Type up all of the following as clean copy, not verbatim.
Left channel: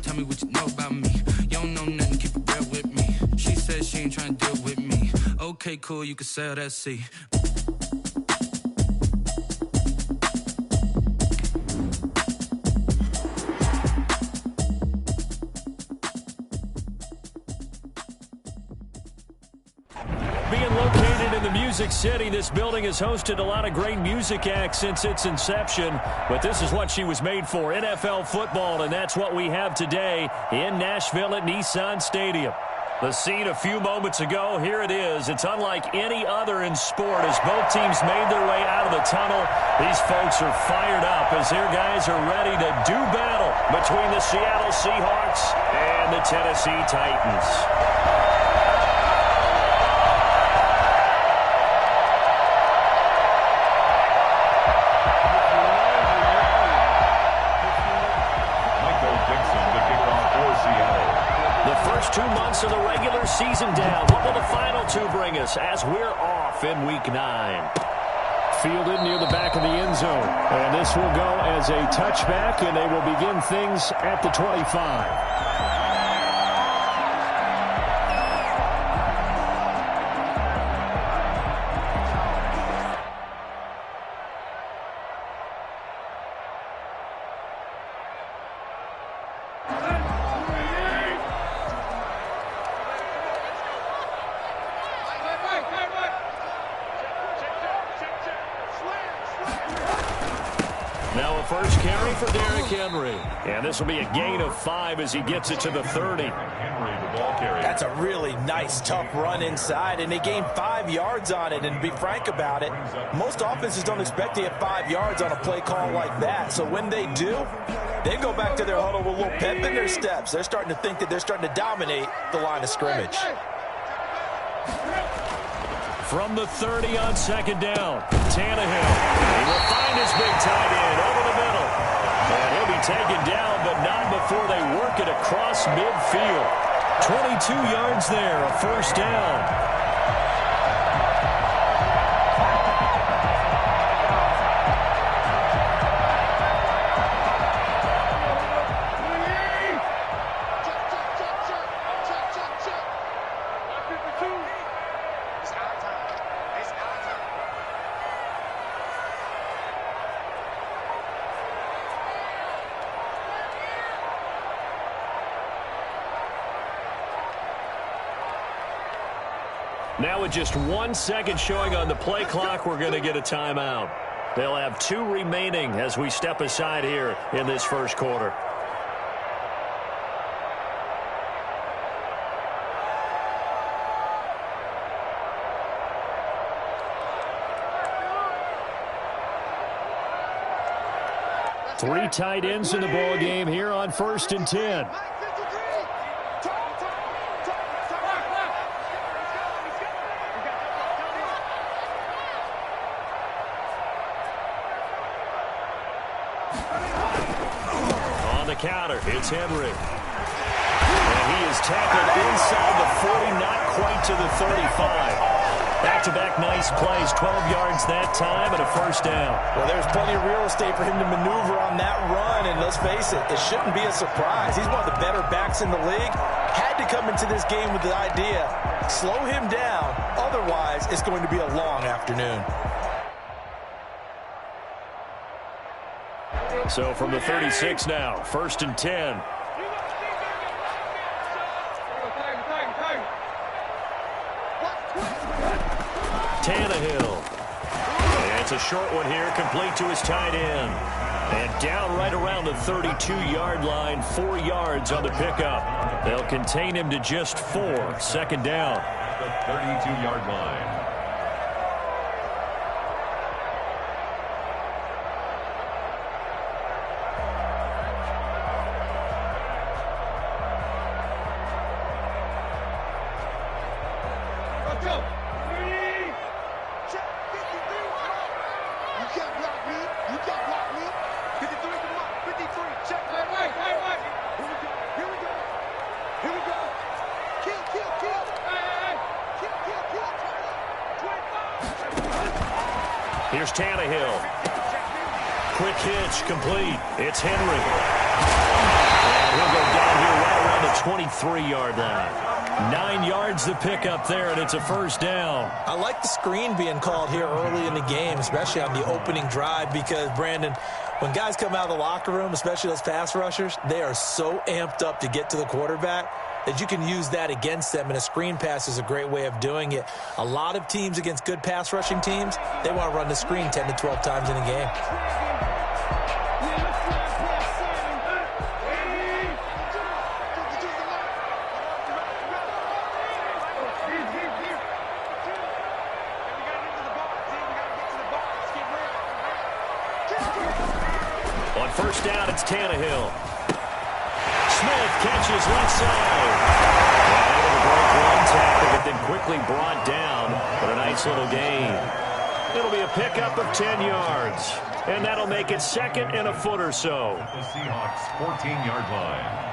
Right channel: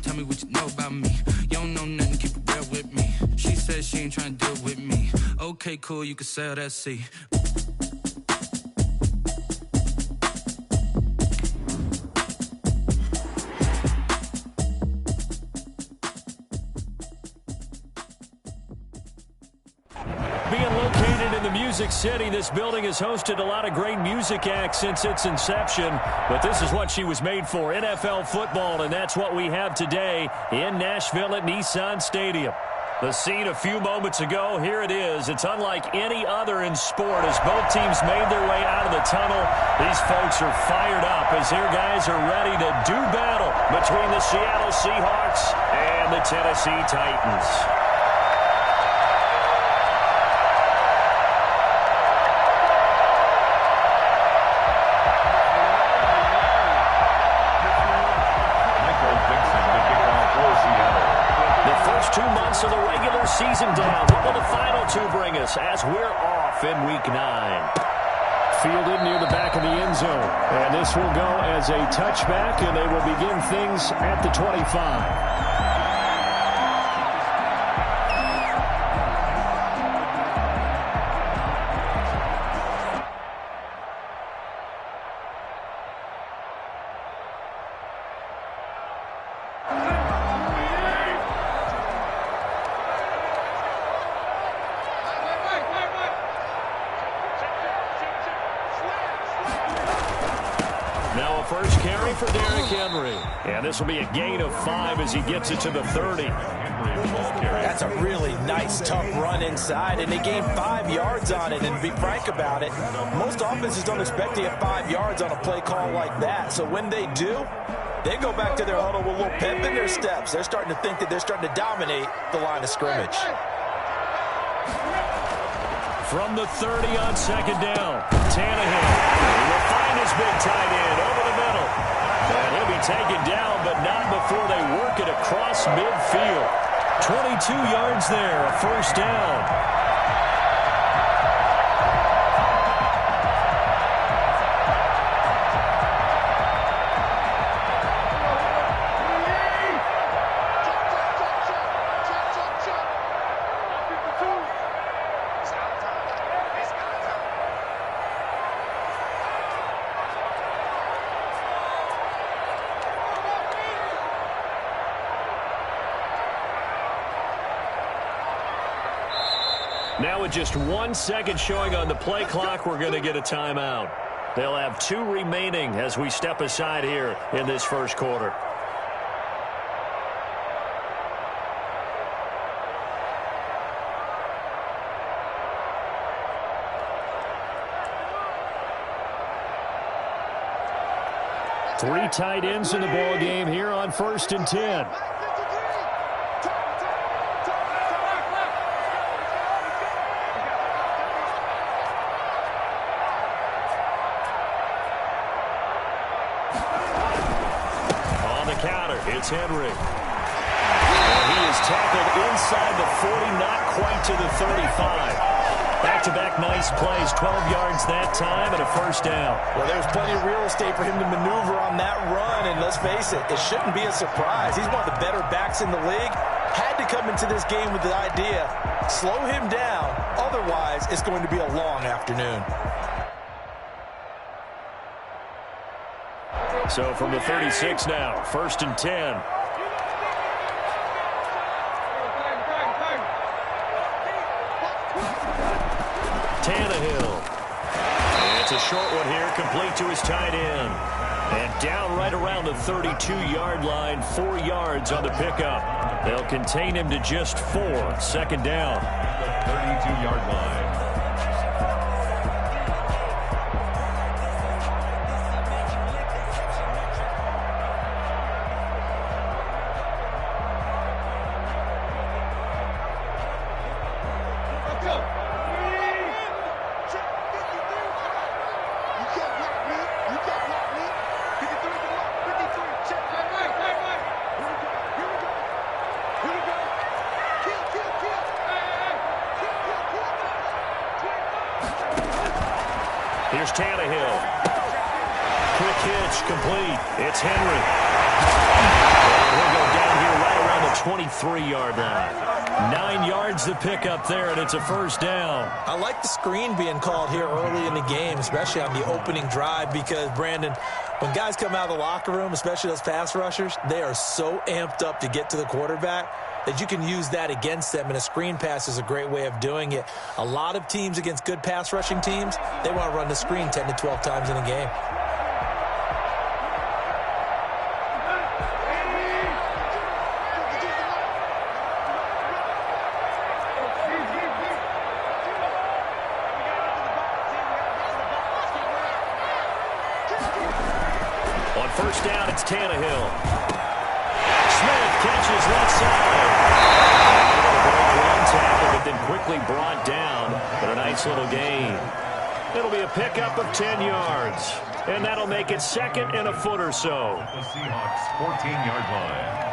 Tell me what you know about me. You don't know nothing, keep it real with me. She said she ain't trying to deal with me. Okay, cool, you can sell that C. Being located in the Music City, this building has hosted a lot of great music acts since its inception, but this is what she was made for, NFL football, and that's what we have today in Nashville at Nissan Stadium. The scene a few moments ago, here it is. It's unlike any other in sport as both teams made their way out of the tunnel. These folks are fired up as their guys are ready to do battle between the Seattle Seahawks and the Tennessee Titans. The first 2 months of the regular season down. What will the final two bring us as we're off in Week 9? Fielded near the back of the end zone. And this will go as a touchback, and they will begin things at the 25. Now a first carry for Derrick Henry. And this will be a gain of 5 as he gets it to the 30. That's a really nice, tough run inside, and they gained 5 yards on it. And to be frank about it, most offenses don't expect to get 5 yards on a play call like that. So when they do, they go back to their huddle with a little pep in their steps. They're starting to think that they're starting to dominate the line of scrimmage. From the 30 on second down, Tannehill. He will find his big tight end over the middle. And he'll be taken down, but not before they work it across midfield. 22 yards there, a first down. Now with just 1 second showing on the play clock, we're going to get a timeout. They'll have 2 remaining as we step aside here in this first quarter. Three tight ends in the ball game here on 1st and 10. Counter, it's Henry. And he is tackled inside the 40, not quite to the 35. Back-to-back nice plays, 12 yards that time and a first down. Well, there's plenty of real estate for him to maneuver on that run, and let's face it, it shouldn't be a surprise. He's one of the better backs in the league. Had to come into this game with the idea, slow him down, otherwise it's going to be a long afternoon. So from the 36 now, 1st and 10. Tannehill. And it's a short one here, complete to his tight end. And down right around the 32-yard line, 4 yards on the pickup. They'll contain him to just 4, second down. The 32-yard line. Here's Tannehill. Quick hitch, complete. It's Henry. And he'll go down 23-yard line. 9 yards to pick up there, and it's a first down. I like the screen being called here early in the game, especially on the opening drive, because, Brandon, when guys come out of the locker room, especially those pass rushers, they are so amped up to get to the quarterback that you can use that against them, and a screen pass is a great way of doing it. A lot of teams against good pass rushing teams, they want to run the screen 10 to 12 times in a game. On first down, it's Tannehill. Smith catches left side. And able to break one tackle, but then quickly brought down. But a nice little gain. It'll be a pickup of 10 yards. And that'll make it second and a foot or so. The Seahawks 14-yard line.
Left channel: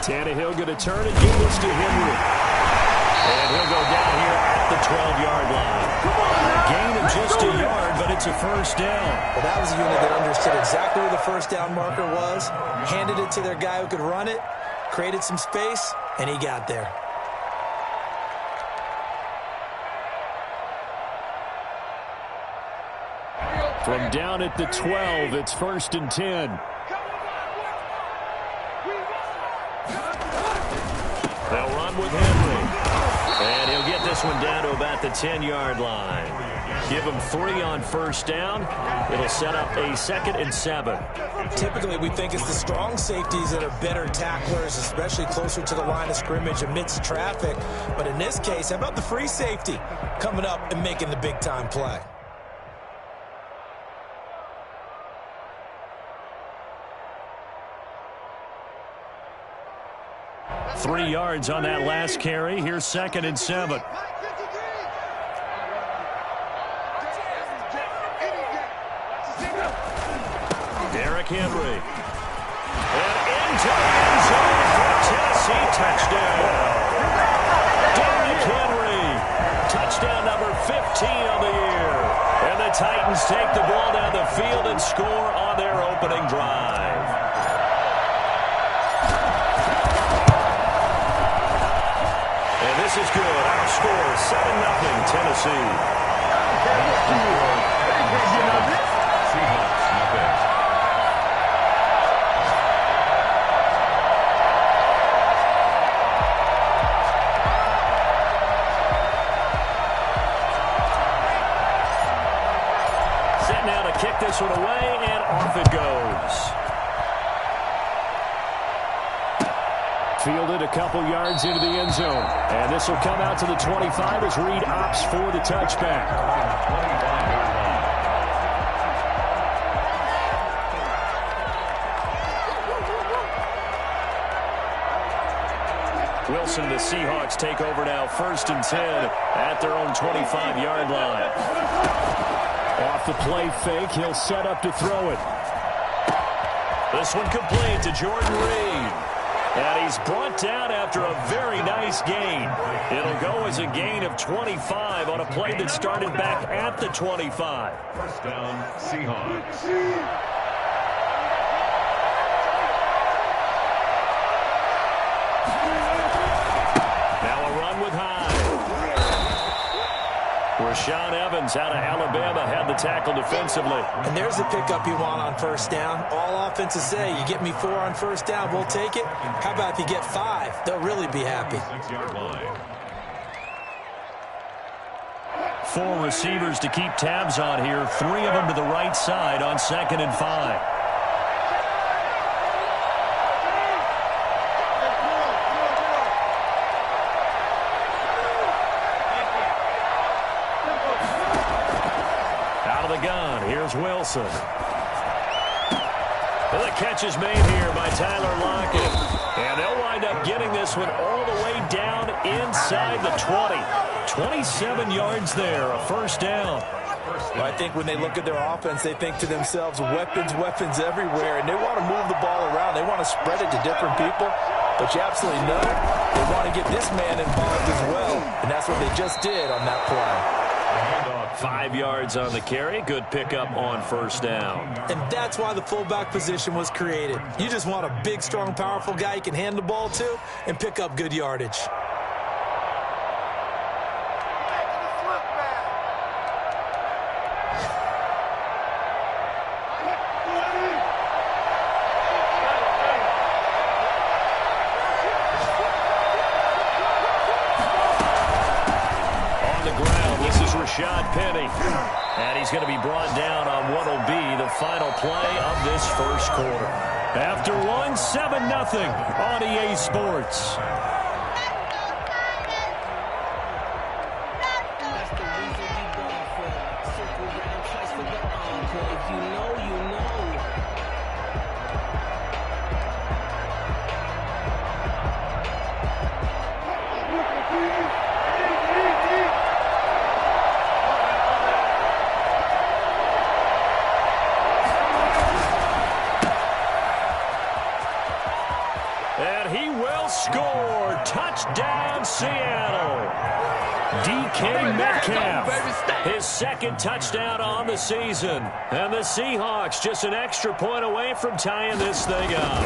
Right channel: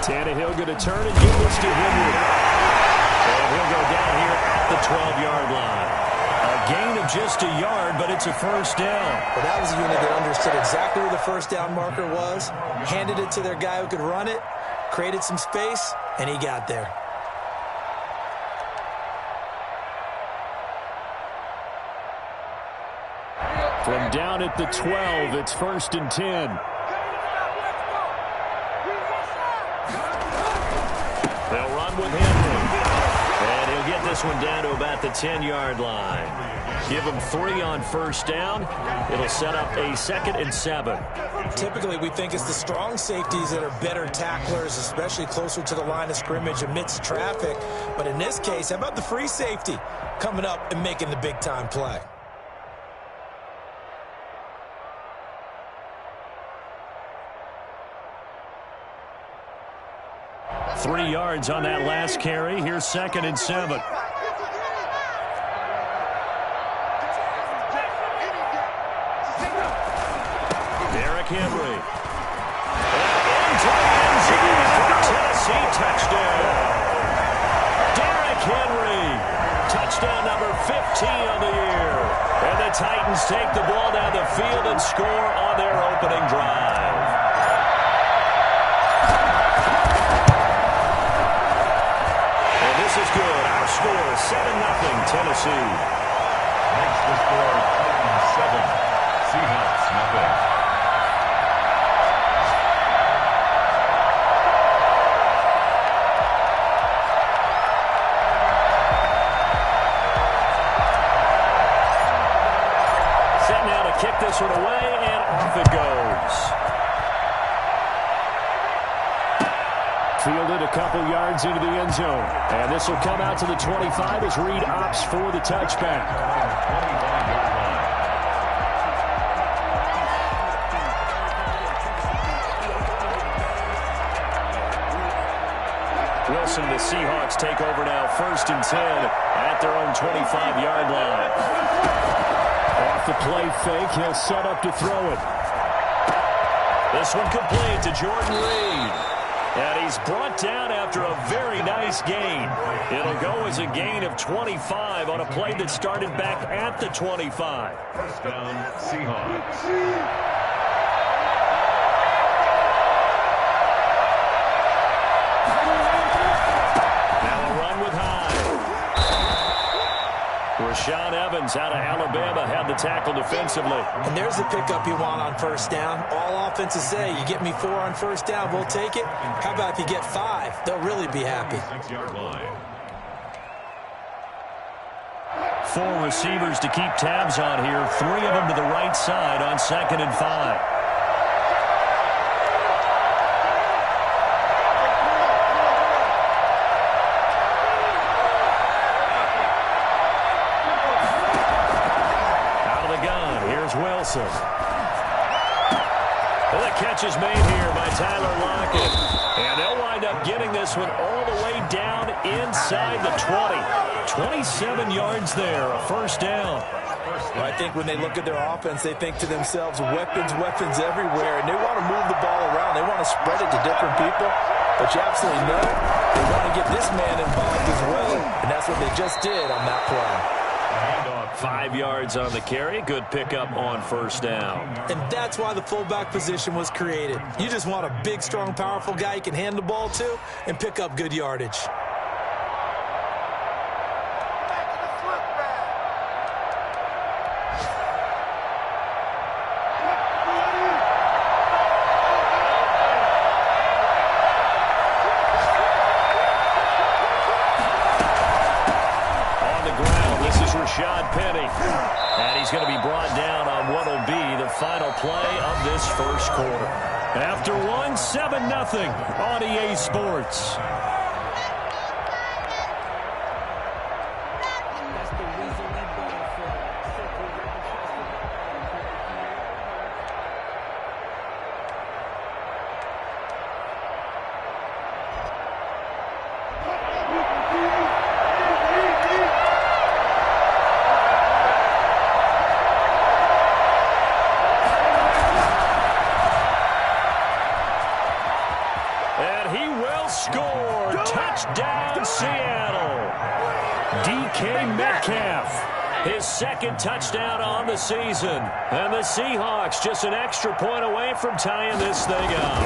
Tannehill going to turn and give this to Henry. And he'll go down here at the 12-yard line. A gain of just a yard, but it's a first down. Well, that was a unit that understood exactly where the first down marker was, handed it to their guy who could run it, created some space, and he got there. From down at the 12, it's 1st and 10. They'll run with Henry. And he'll get this one down to about the 10-yard line. Give him 3 on first down. It'll set up a 2nd and 7. Typically, we think it's the strong safeties that are better tacklers, especially closer to the line of scrimmage amidst traffic. But in this case, how about the free safety coming up and making the big-time play? Three yards on that last carry. Here's 2nd and 7. Derrick Henry. And into the end zone for a Tennessee touchdown. Derrick Henry. Touchdown number 15 on the year. And the Titans take the ball down the field and score on their opening drive. And this is good. Our score, 7-0 Tennessee. Makes the score 7. Seahawks nothing. Set now to kick this one away, and off it goes. Fielded a couple yards into the end zone. And this will come out to the 25 as Reed opts for the touchback. 25-yard line. Wilson, the Seahawks take over now, 1st and 10 at their own 25-yard line. Off the play fake, he'll set up to throw it. This one complete to Jordan Reed. And he's brought down after a very nice gain. It'll go as a gain of 25 on a play that started back at the 25. First down, Seahawks. Now a run with Hyde. Rashaan Evans out of Alabama had the tackle defensively. And there's the pickup you want on first down. All offenses say, you get me 4 on first down, we'll take it. How about if you get 5? They'll really be happy. 6-yard line. 4 receivers to keep tabs on here. 3 of them to the right side on 2nd and 5. Here's Wilson. Well, the catch is made here by Tyler Lockett. And they'll wind up getting this one all the way down inside the 20. 27 yards there, a first down. Well, I think when they look at their offense, they think to themselves, weapons, weapons everywhere, and they want to move the ball around. They want to spread it to different people, but you absolutely know they want to get this man involved as well, and that's what they just did on that play. 5 yards on the carry. Good pickup on first down. And that's why the fullback position was created. You just want a big, strong, powerful guy you can hand the ball to and pick up good yardage. Penny, and he's going to be brought down on what will be the final play of this first quarter. After one, 7-0 on EA Sports. That's the reason we ball for. Circle round, twice for the encore. If you know, you know. Score! Touchdown, Seattle! DK Metcalf, his second touchdown on the season. And the Seahawks just an extra point away from tying this thing up.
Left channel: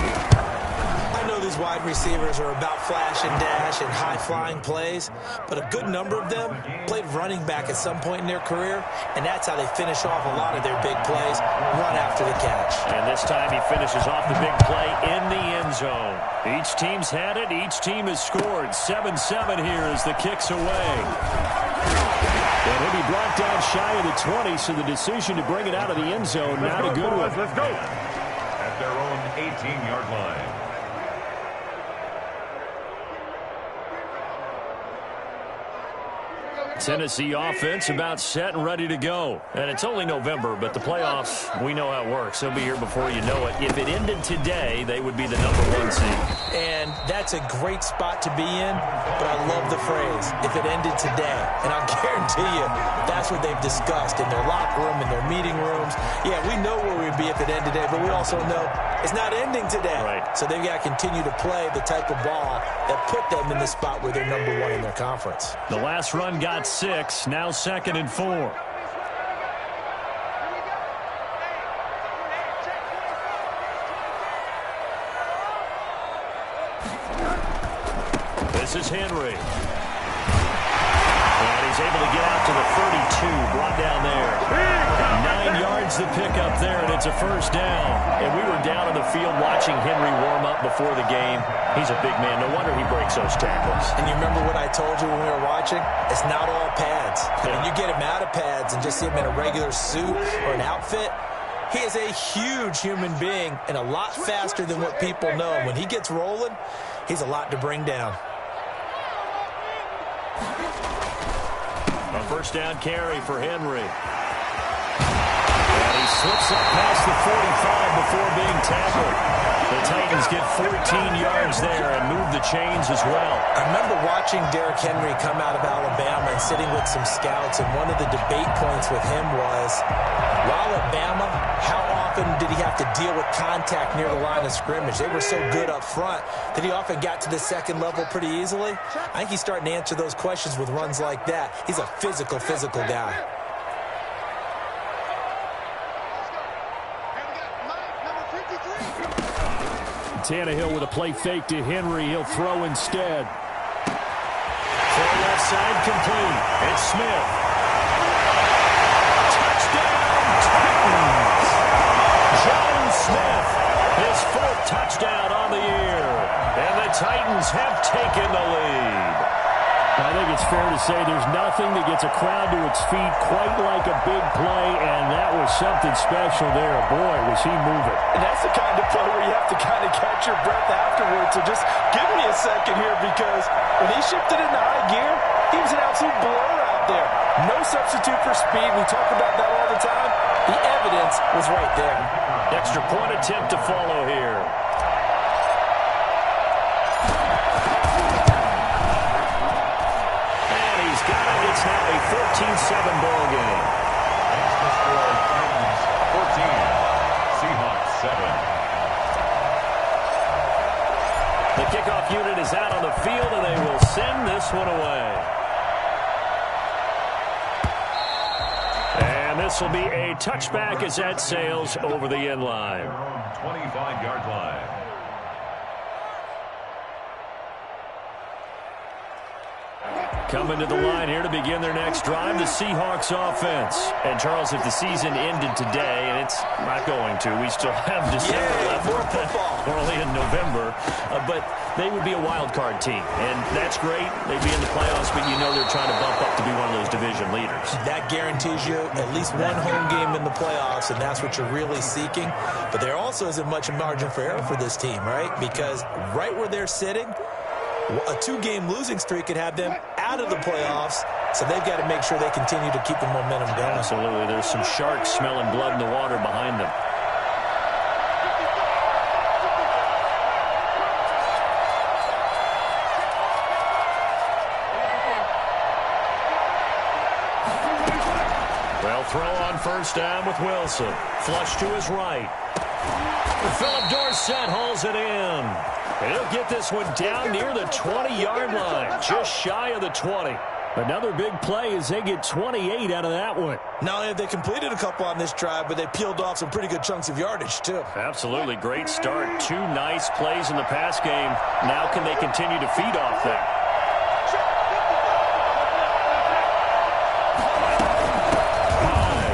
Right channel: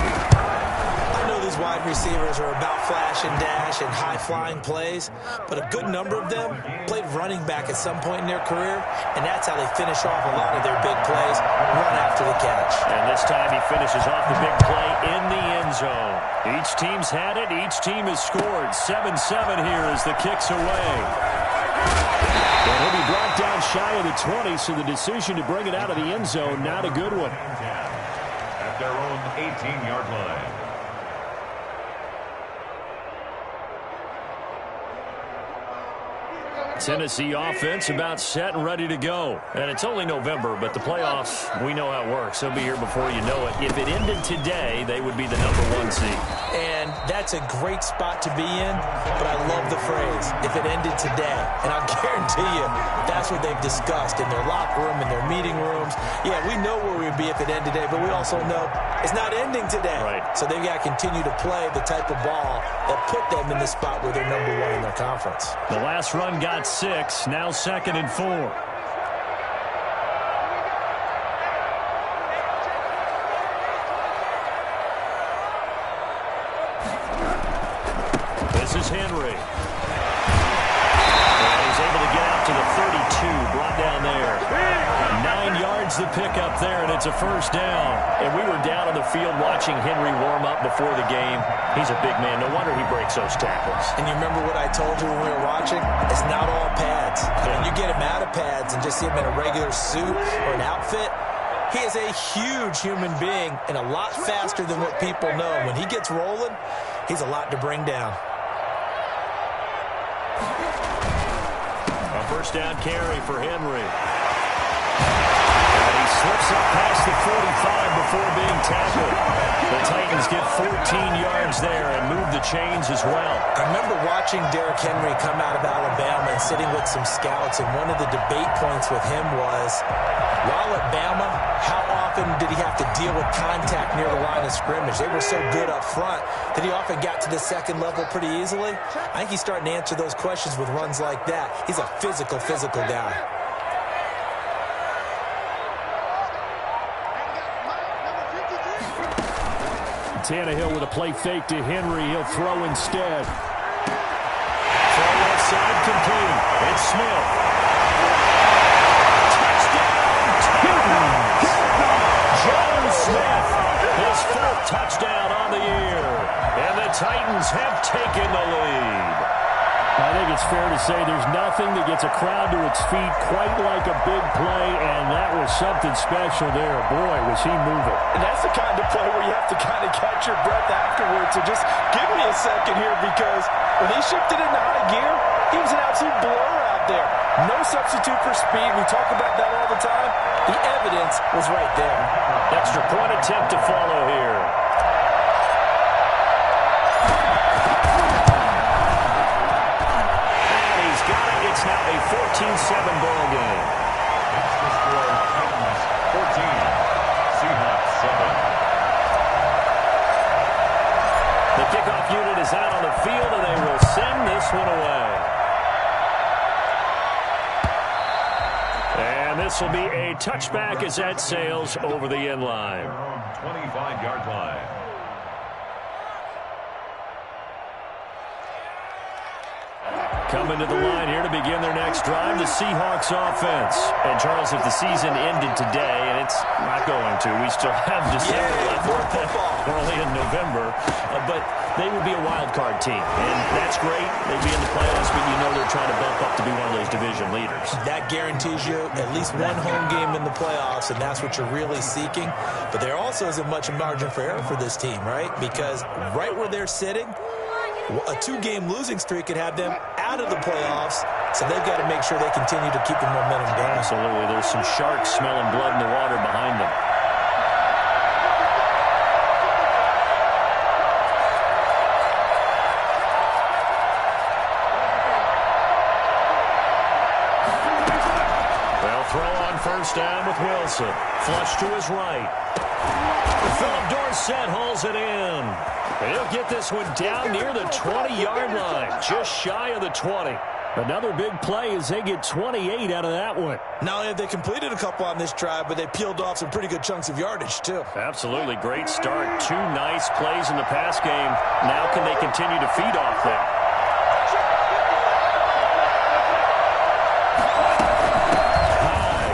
I know these wide receivers are about flash and dash and high-flying plays, but a good number of them played running back at some point in their career, and that's how they finish off a lot of their big plays, run after the catch. And this time he finishes off the big play in the end zone. Each team's had it. Each team has scored. 7-7 here as the kick's away. And he'll be brought down shy of the 20, so the decision to bring it out of the end zone, not a good one. At their own 18-yard line. Tennessee offense about set and ready to go. And it's only November, but the playoffs, we know how it works. They'll be here before you know it. If it ended today, they would be the #1 seed. And that's a great spot to be in, but I love the phrase, if it ended today. And I'll guarantee you, that's what they've discussed in their locker room, in their meeting rooms. Yeah, we know where we'd be if it ended today, but we also know it's not ending today. Right. So they've got to continue to play the type of ball that put them in the spot where they're #1 in their conference. The last run got 6, now 2nd and 4. This is Henry. And he's able to get out to the 32, brought down there. 9 yards the pickup there, and it's a first down. And we were down on the field watching Henry warm up before the game. He's a big man. No wonder he breaks those tackles. And you remember what I told you when we were watching? It's not all pads. I mean, you get him out of pads and just see him in a regular suit or an outfit. He is a huge human being and a lot faster than what people know. When he gets rolling, he's a lot to bring down. A first down carry for Henry. And he slips up past the 45 before being tackled. The Titans get 14 yards there and move the chains as well. I remember watching Derrick Henry come out of Alabama and sitting with some scouts, and one of the debate points with him was, while at Bama, how often did he have to deal with contact near the line of scrimmage? They were so good up front that he often got to the second level pretty easily. I think he's starting to answer those questions with runs like that. He's a physical guy. Tannehill with a play fake to Henry. He'll throw instead. Throw left side complete. It's Smith. Touchdown, Titans! John Smith, his 4th touchdown on the year. And the Titans have taken the lead. I think it's fair to say there's nothing that gets a crowd to its feet quite like a big play, and that was something special there. Boy, was he moving. And that's the kind of play where you have to kind of catch your breath afterwards. So just give me a second here, because when he shifted into high gear, he was an absolute blur out there. No substitute for speed. We talk about that all the time. The evidence was right there. Extra point attempt to follow here. Got it. It's now a 14-7 ball game. score Titans 14, Seahawks 7. The kickoff unit is out on the field, and they will send this one away. And this will be a touchback as that sails over the end line. 25-yard line. Coming to the line here to begin their next drive, the Seahawks offense. And, Charles, if the season ended today, and it's not going to, we still have December left. More football. We're only in November. But they would be a wild card team. And that's great. They'd be in the playoffs, but you know they're trying to bump up to be one of those division leaders. That guarantees you at least one home game in the playoffs, and that's what you're really seeking. But there also isn't much margin for error for this team, right? Because right where they're sitting, a two-game losing streak could have them out of the playoffs, so they've got to make sure they continue to keep the momentum going. Absolutely. There's some sharks smelling blood in the water behind them. They'll throw on first down with Wilson. Flush to his right. Philip Dorsett hauls it in. He'll get this one down near the 20-yard line, just shy of the 20. Another big play as they get 28 out of that one. Not only have they completed a couple on this drive, but they peeled off some pretty good chunks of yardage, too. Absolutely. Great start. Two nice plays in the pass game. Now can they continue to feed off that? High.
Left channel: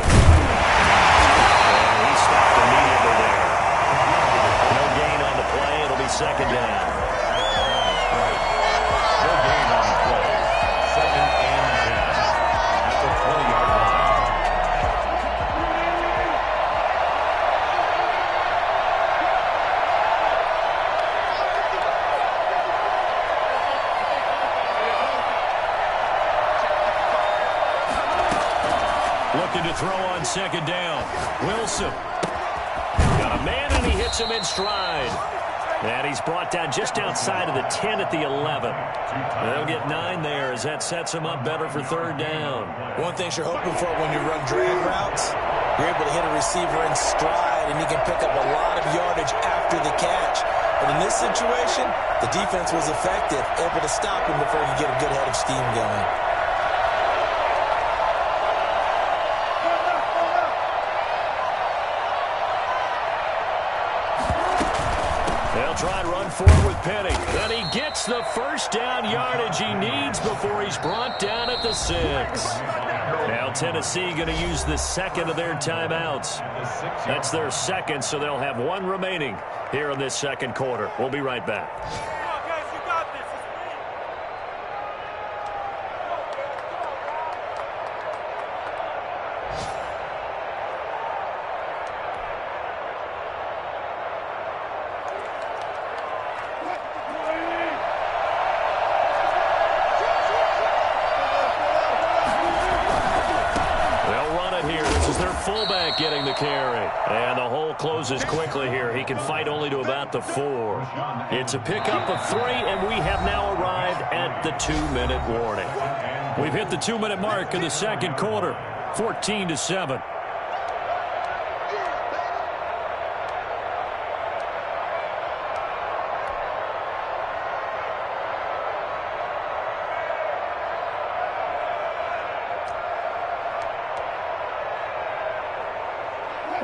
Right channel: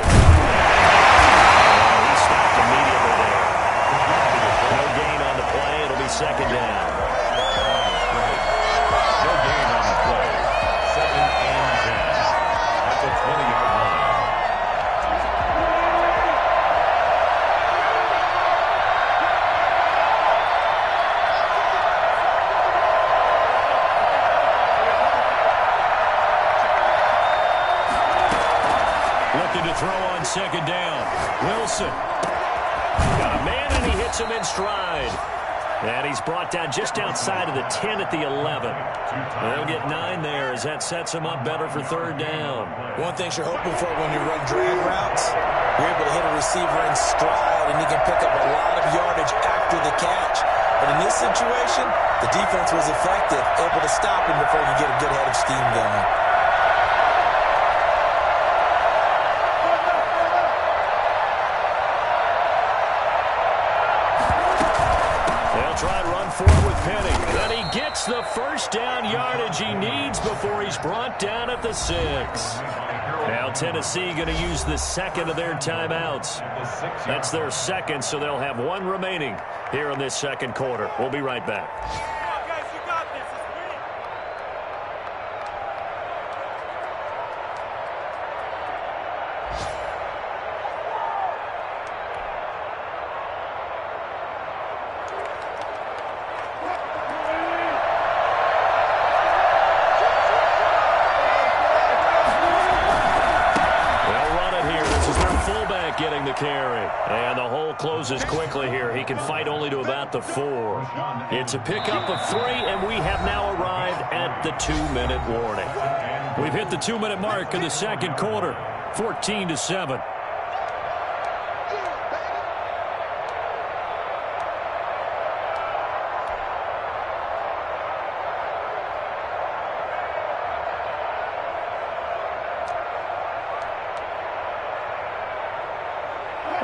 And he stopped immediately there. No gain on the play. It'll be second down. No gain on the play. 2nd and 10 at the 20-yard line. Looking to throw on second down. Wilson. Got a man, and he hits him in stride. And he's brought down just outside of the 10 at the 11. They'll get 9 there as that sets him up better for third down. One thing you're hoping for when you run drag routes, you're able to hit a receiver in stride, and he can pick up a lot of yardage after the catch. But in this situation, the defense was effective, able to stop him before he get a good head of steam going. They'll try and run forward with Penny. And he gets the first down yardage he needs before he's brought down at the 6. Now Tennessee going to use the second of their timeouts. That's their second, so they'll have one remaining here in this second quarter. We'll be right back. Getting the carry. And the hole closes quickly here. He can fight only to about the 4. It's a pickup of 3, and we have now arrived at the 2-minute warning. We've hit the 2-minute mark in the second quarter. 14-7.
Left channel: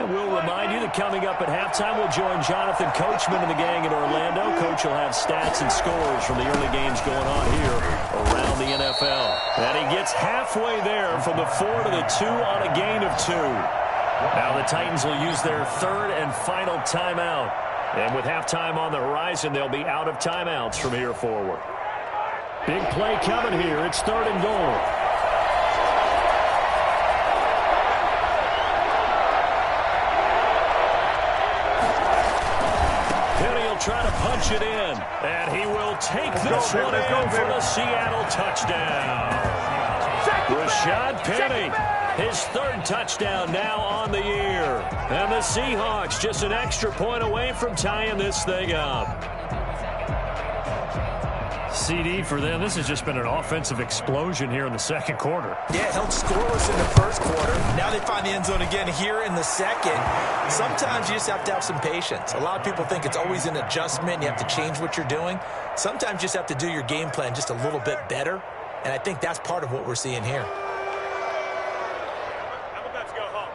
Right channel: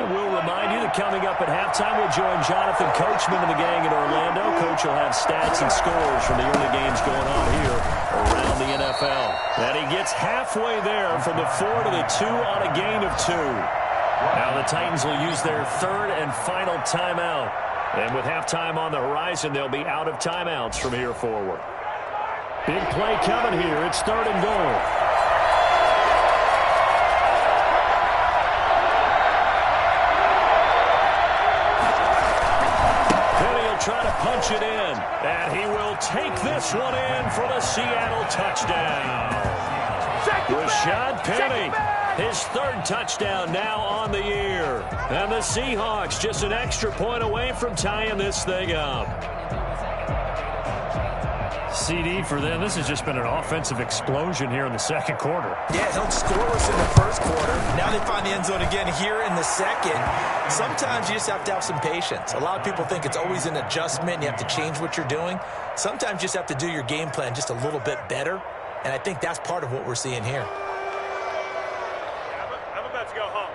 We'll remind you that coming up at halftime, we'll join Jonathan Coachman and the gang in Orlando. Coach will have stats and scores from the early games going on here around the NFL. And he gets halfway there from the 4 to the 2 on a gain of 2. Now the Titans will use their third and final timeout. And with halftime on the horizon, they'll be out of timeouts from here forward. Big play coming here. It's 3rd and goal. Try to punch it in, and he will take this one in for the Seattle touchdown. Rashad Penny, his 3rd touchdown now on the year. And the Seahawks just an extra point away from tying this thing up. CD for them. This has just been an offensive explosion here in the second quarter. Yeah, held scoreless in the first quarter. Now they find the end zone again here in the second. Sometimes you just have to have some patience. A lot of people think it's always an adjustment. You have to change what you're doing. Sometimes you just have to do your game plan just a little bit better. And I think that's part of what we're seeing here. I'm about to go home.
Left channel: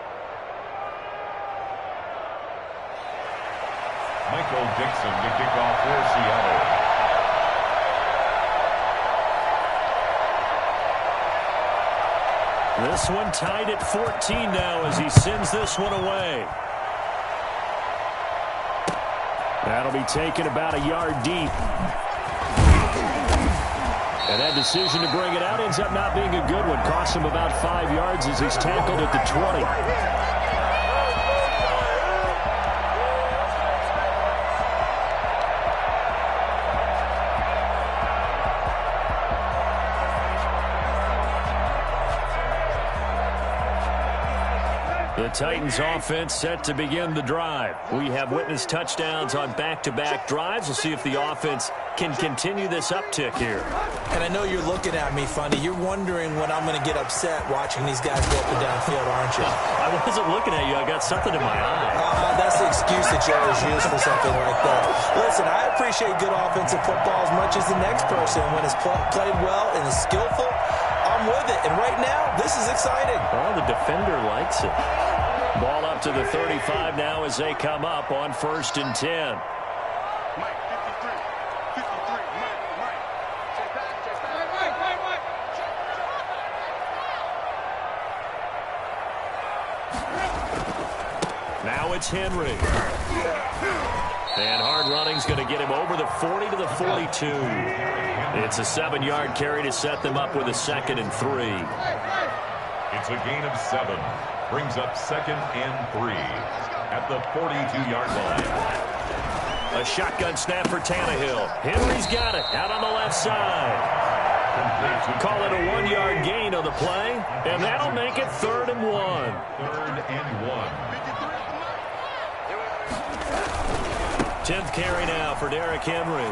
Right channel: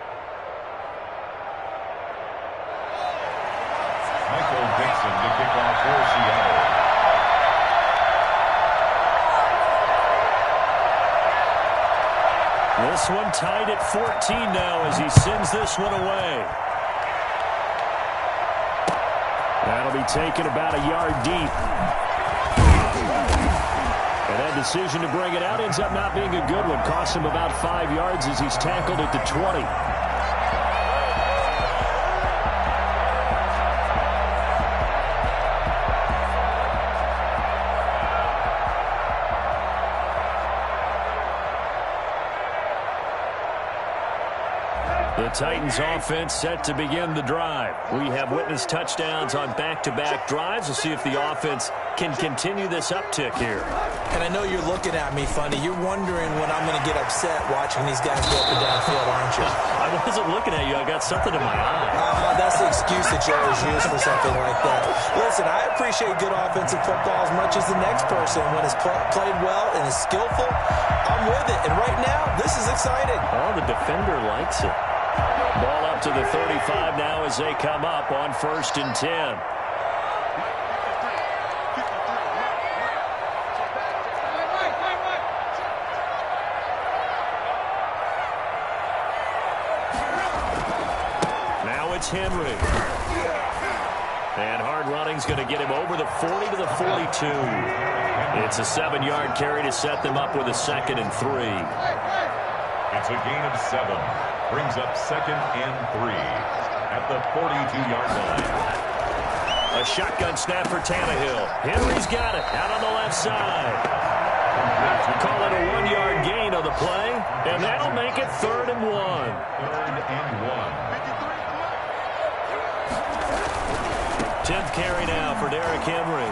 Michael Dixon to kick off for Seattle. This one tied at 14 now as he sends this one away. That'll be taken about a yard deep. And that decision to bring it out ends up not being a good one. Costs him about 5 yards as he's tackled at the 20. The Titans offense set to begin the drive. We have witnessed touchdowns on back-to-back drives. We'll see if the offense can continue this uptick here. And I know you're looking at me funny. You're wondering when I'm going to get upset watching these guys go up and down field, aren't you? I wasn't looking at you. I got something in my eye. That's the excuse that you always use for something like that. Listen, I appreciate good offensive football as much as the next person. When it's played well and is skillful, I'm with it. And right now, this is exciting. Oh, the defender likes it. Ball up to the 35 now as they come up on 1st and 10. Mike, 53. 53. Mike. Check back. Mike. Now it's Henry. And hard running's going to get him over the 40 to the 42. It's a 7-yard carry to set them up with a 2nd and 3. It's a gain of 7. Brings up 2nd and 3 at the 42-yard line. A shotgun snap for Tannehill. Henry's got it out on the left side. Call it a 1-yard gain on the play, and that'll make it 3rd and 1. 3rd and 1. 10th carry now for Derrick Henry.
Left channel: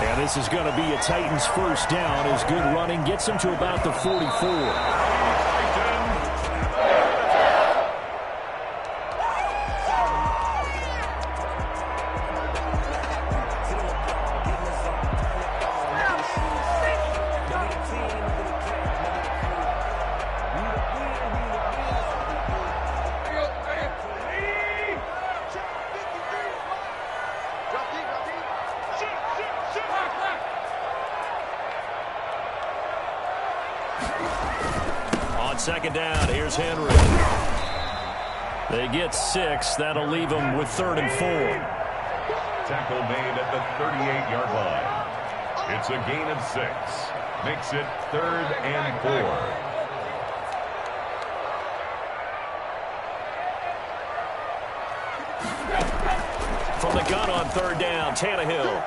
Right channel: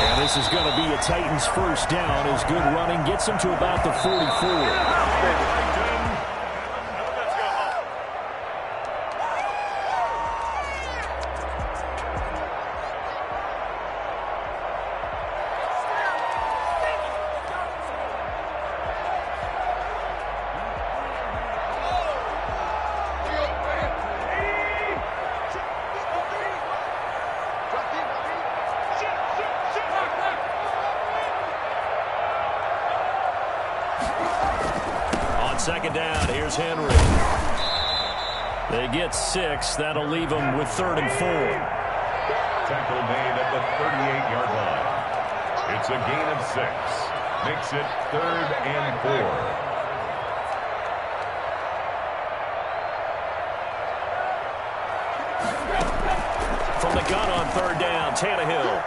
And this is going to be a Titans first down as good running gets him to about the 44. On 2nd down, here's Henry. They get 6. That'll leave them with 3rd and 4. Tackle made at the 38-yard line. It's a gain of 6. Makes it 3rd and 4. From the gun on 3rd down, Tannehill.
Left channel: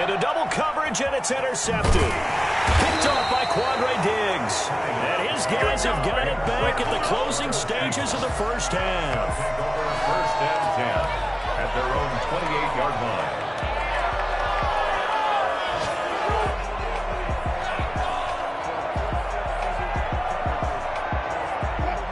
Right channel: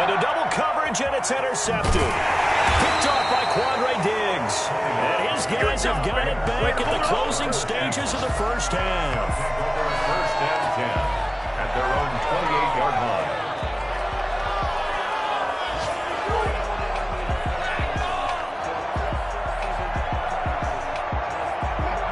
Into double coverage, and it's intercepted. Picked off by Quandre Diggs. And his guys have got it back at the closing stages of the first half. 1st and 10 at their own 28-yard line.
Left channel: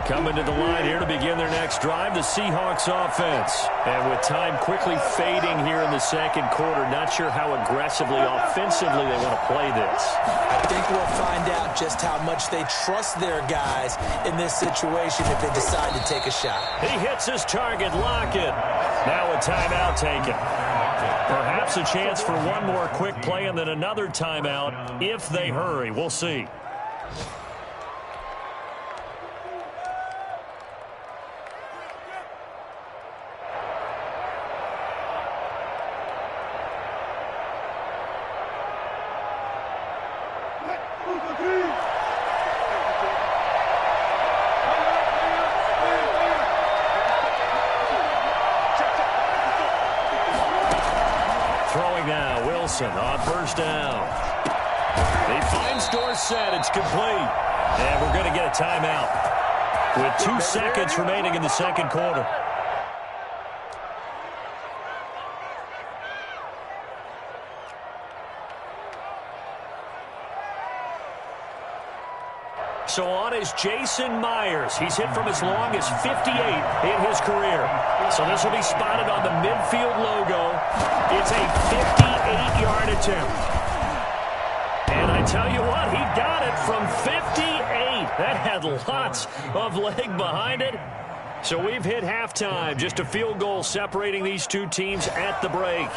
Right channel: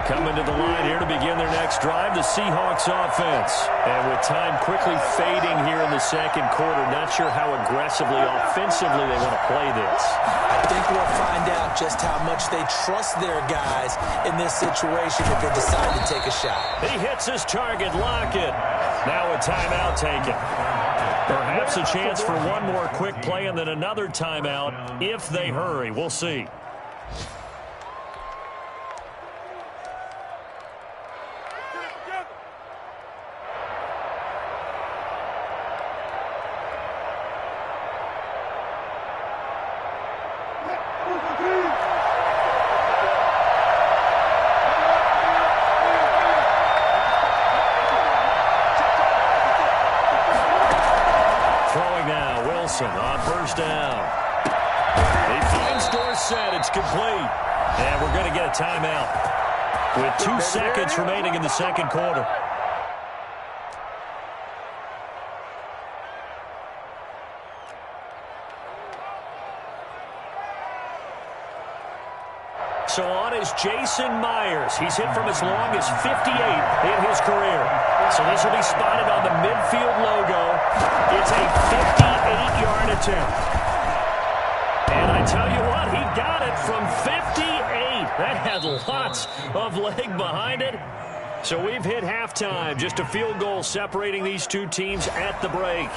Coming to the line here to begin their next drive, the Seahawks offense. And with time quickly fading here in the second quarter, not sure how aggressively, offensively they want to play this. I think we'll find out just how much they trust their guys in this situation if they decide to take a shot. He hits his target, Lockett. Now a timeout taken. Perhaps a chance for one more quick play and then another timeout if they hurry. We'll see. Throwing now, Wilson on 1st down. He finds Dorsett. It's complete. And we're going to get a timeout with 2 seconds remaining in the second quarter. So on is Jason Myers. He's hit from as long as 58 in his career. So this will be spotted on the midfield logo. It's a 58-yard attempt. And I tell you what, he got it from 58. That had lots of leg behind it. So we've hit halftime. Just a field goal separating these two teams at the break.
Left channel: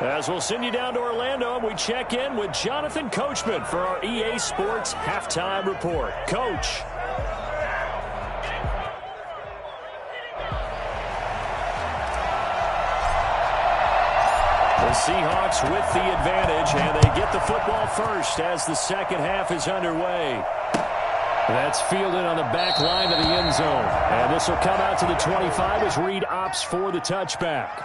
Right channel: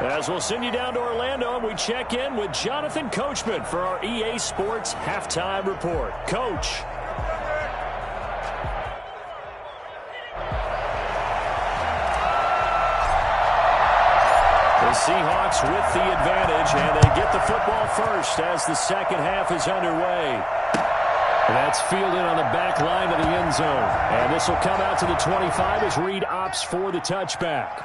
As we'll send you down to Orlando, and we check in with Jonathan Coachman for our EA Sports Halftime Report. Coach. The Seahawks with the advantage, and they get the football first as the second half is underway. That's fielded on the back line of the end zone. And this will come out to the 25 as Reed opts for the touchback.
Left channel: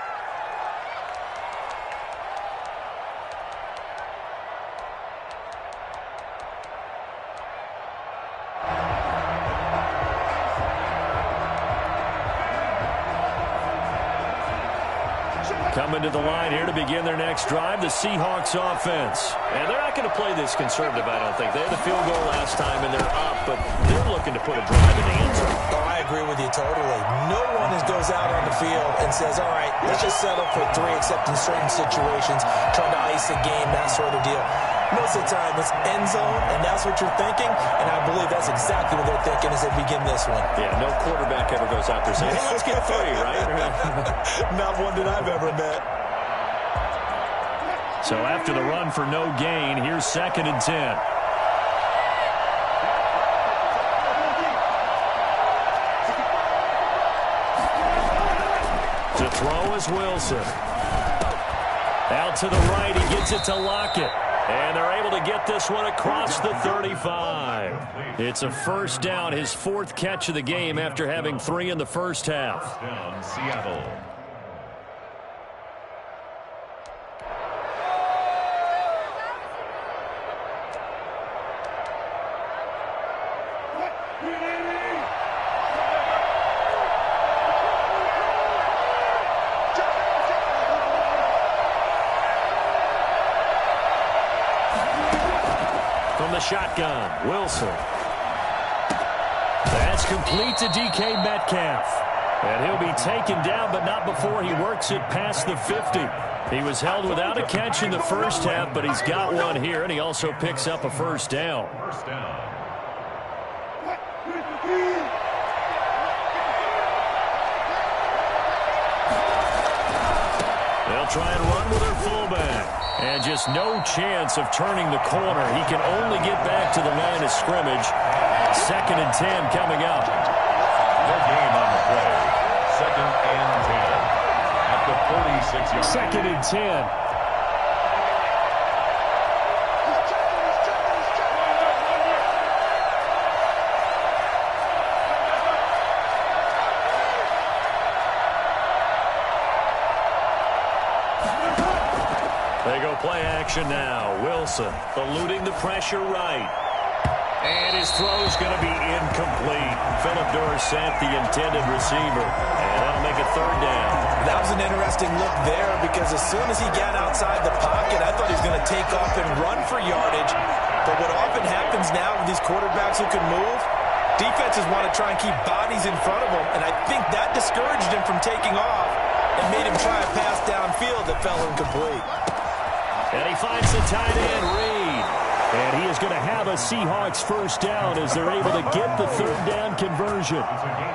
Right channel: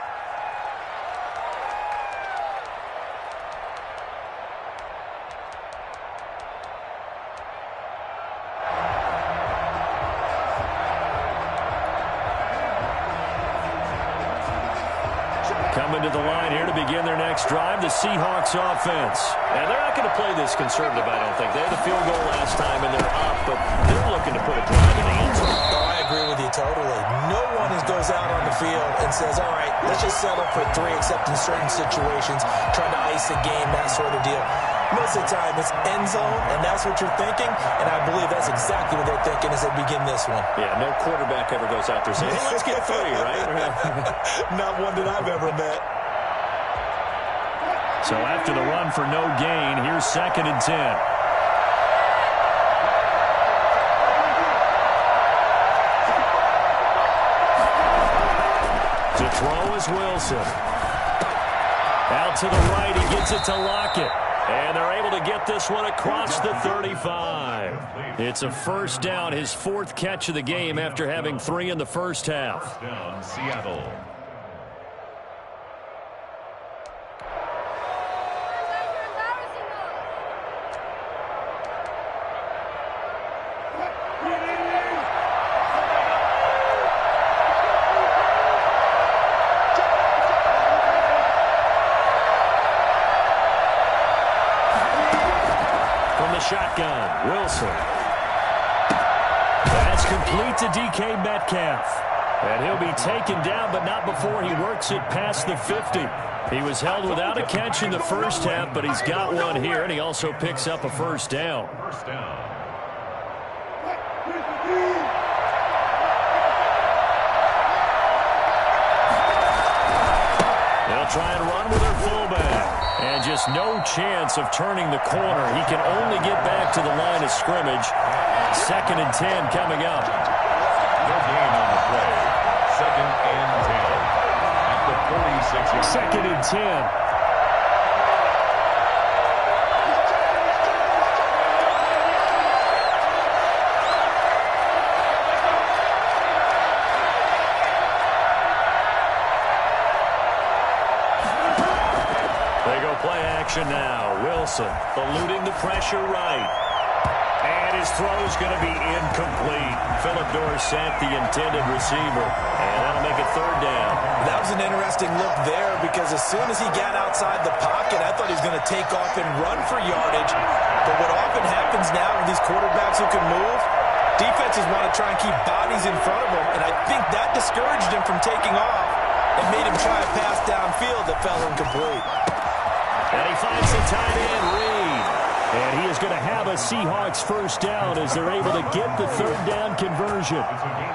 Coming to the line here to begin their next drive, the Seahawks offense. And they're not going to play this conservative, I don't think. They had a field goal last time, and they're up, but they're looking to put a drive in the end zone. Oh, I agree with you totally. No one goes out on the field and says, all right, let's just settle for 3, except in certain situations, trying to ice a game, that sort of deal. Most of the time, it's end zone, and that's what you're thinking, and I believe that's exactly what they're thinking as they begin this one. Yeah, no quarterback ever goes out there saying, hey, let's get 3, right? Not one that I've ever met. So after the run for no gain, here's 2nd and 10. To throw is Wilson. Out to the right, he gets it to Lockett. And they're able to get this one across the 35. It's a first down, his 4th catch of the game after having 3 in the first half. Down, Seattle. From the shotgun, Wilson. That's complete to DK Metcalf. And he'll be taken down, but not before he works it past the 50. He was held without a catch in the first half, but he's got one here, and he also picks up a first down. First down. They'll try and run with their fullback. And just no chance of turning the corner. He can only get back to the line of scrimmage. 2nd and 10 coming up. No gain on the play. 2nd and 10 at the 46-yard line. 2nd and 10. They go play action now. Wilson eluding the pressure right. And his throw's going to be incomplete. Philip Dorsett, the intended receiver. And that'll make it 3rd down. That was an interesting look there because as soon as he got outside the pocket, I thought he was going to take off and run for yardage. But what often happens now with these quarterbacks who can move, defenses want to try and keep bodies in front of them. And I think that discouraged him from taking off and made him try a pass downfield that fell incomplete. And he finds the tight end, Reed. And he is going to have a Seahawks first down as they're able to get the 3rd down conversion.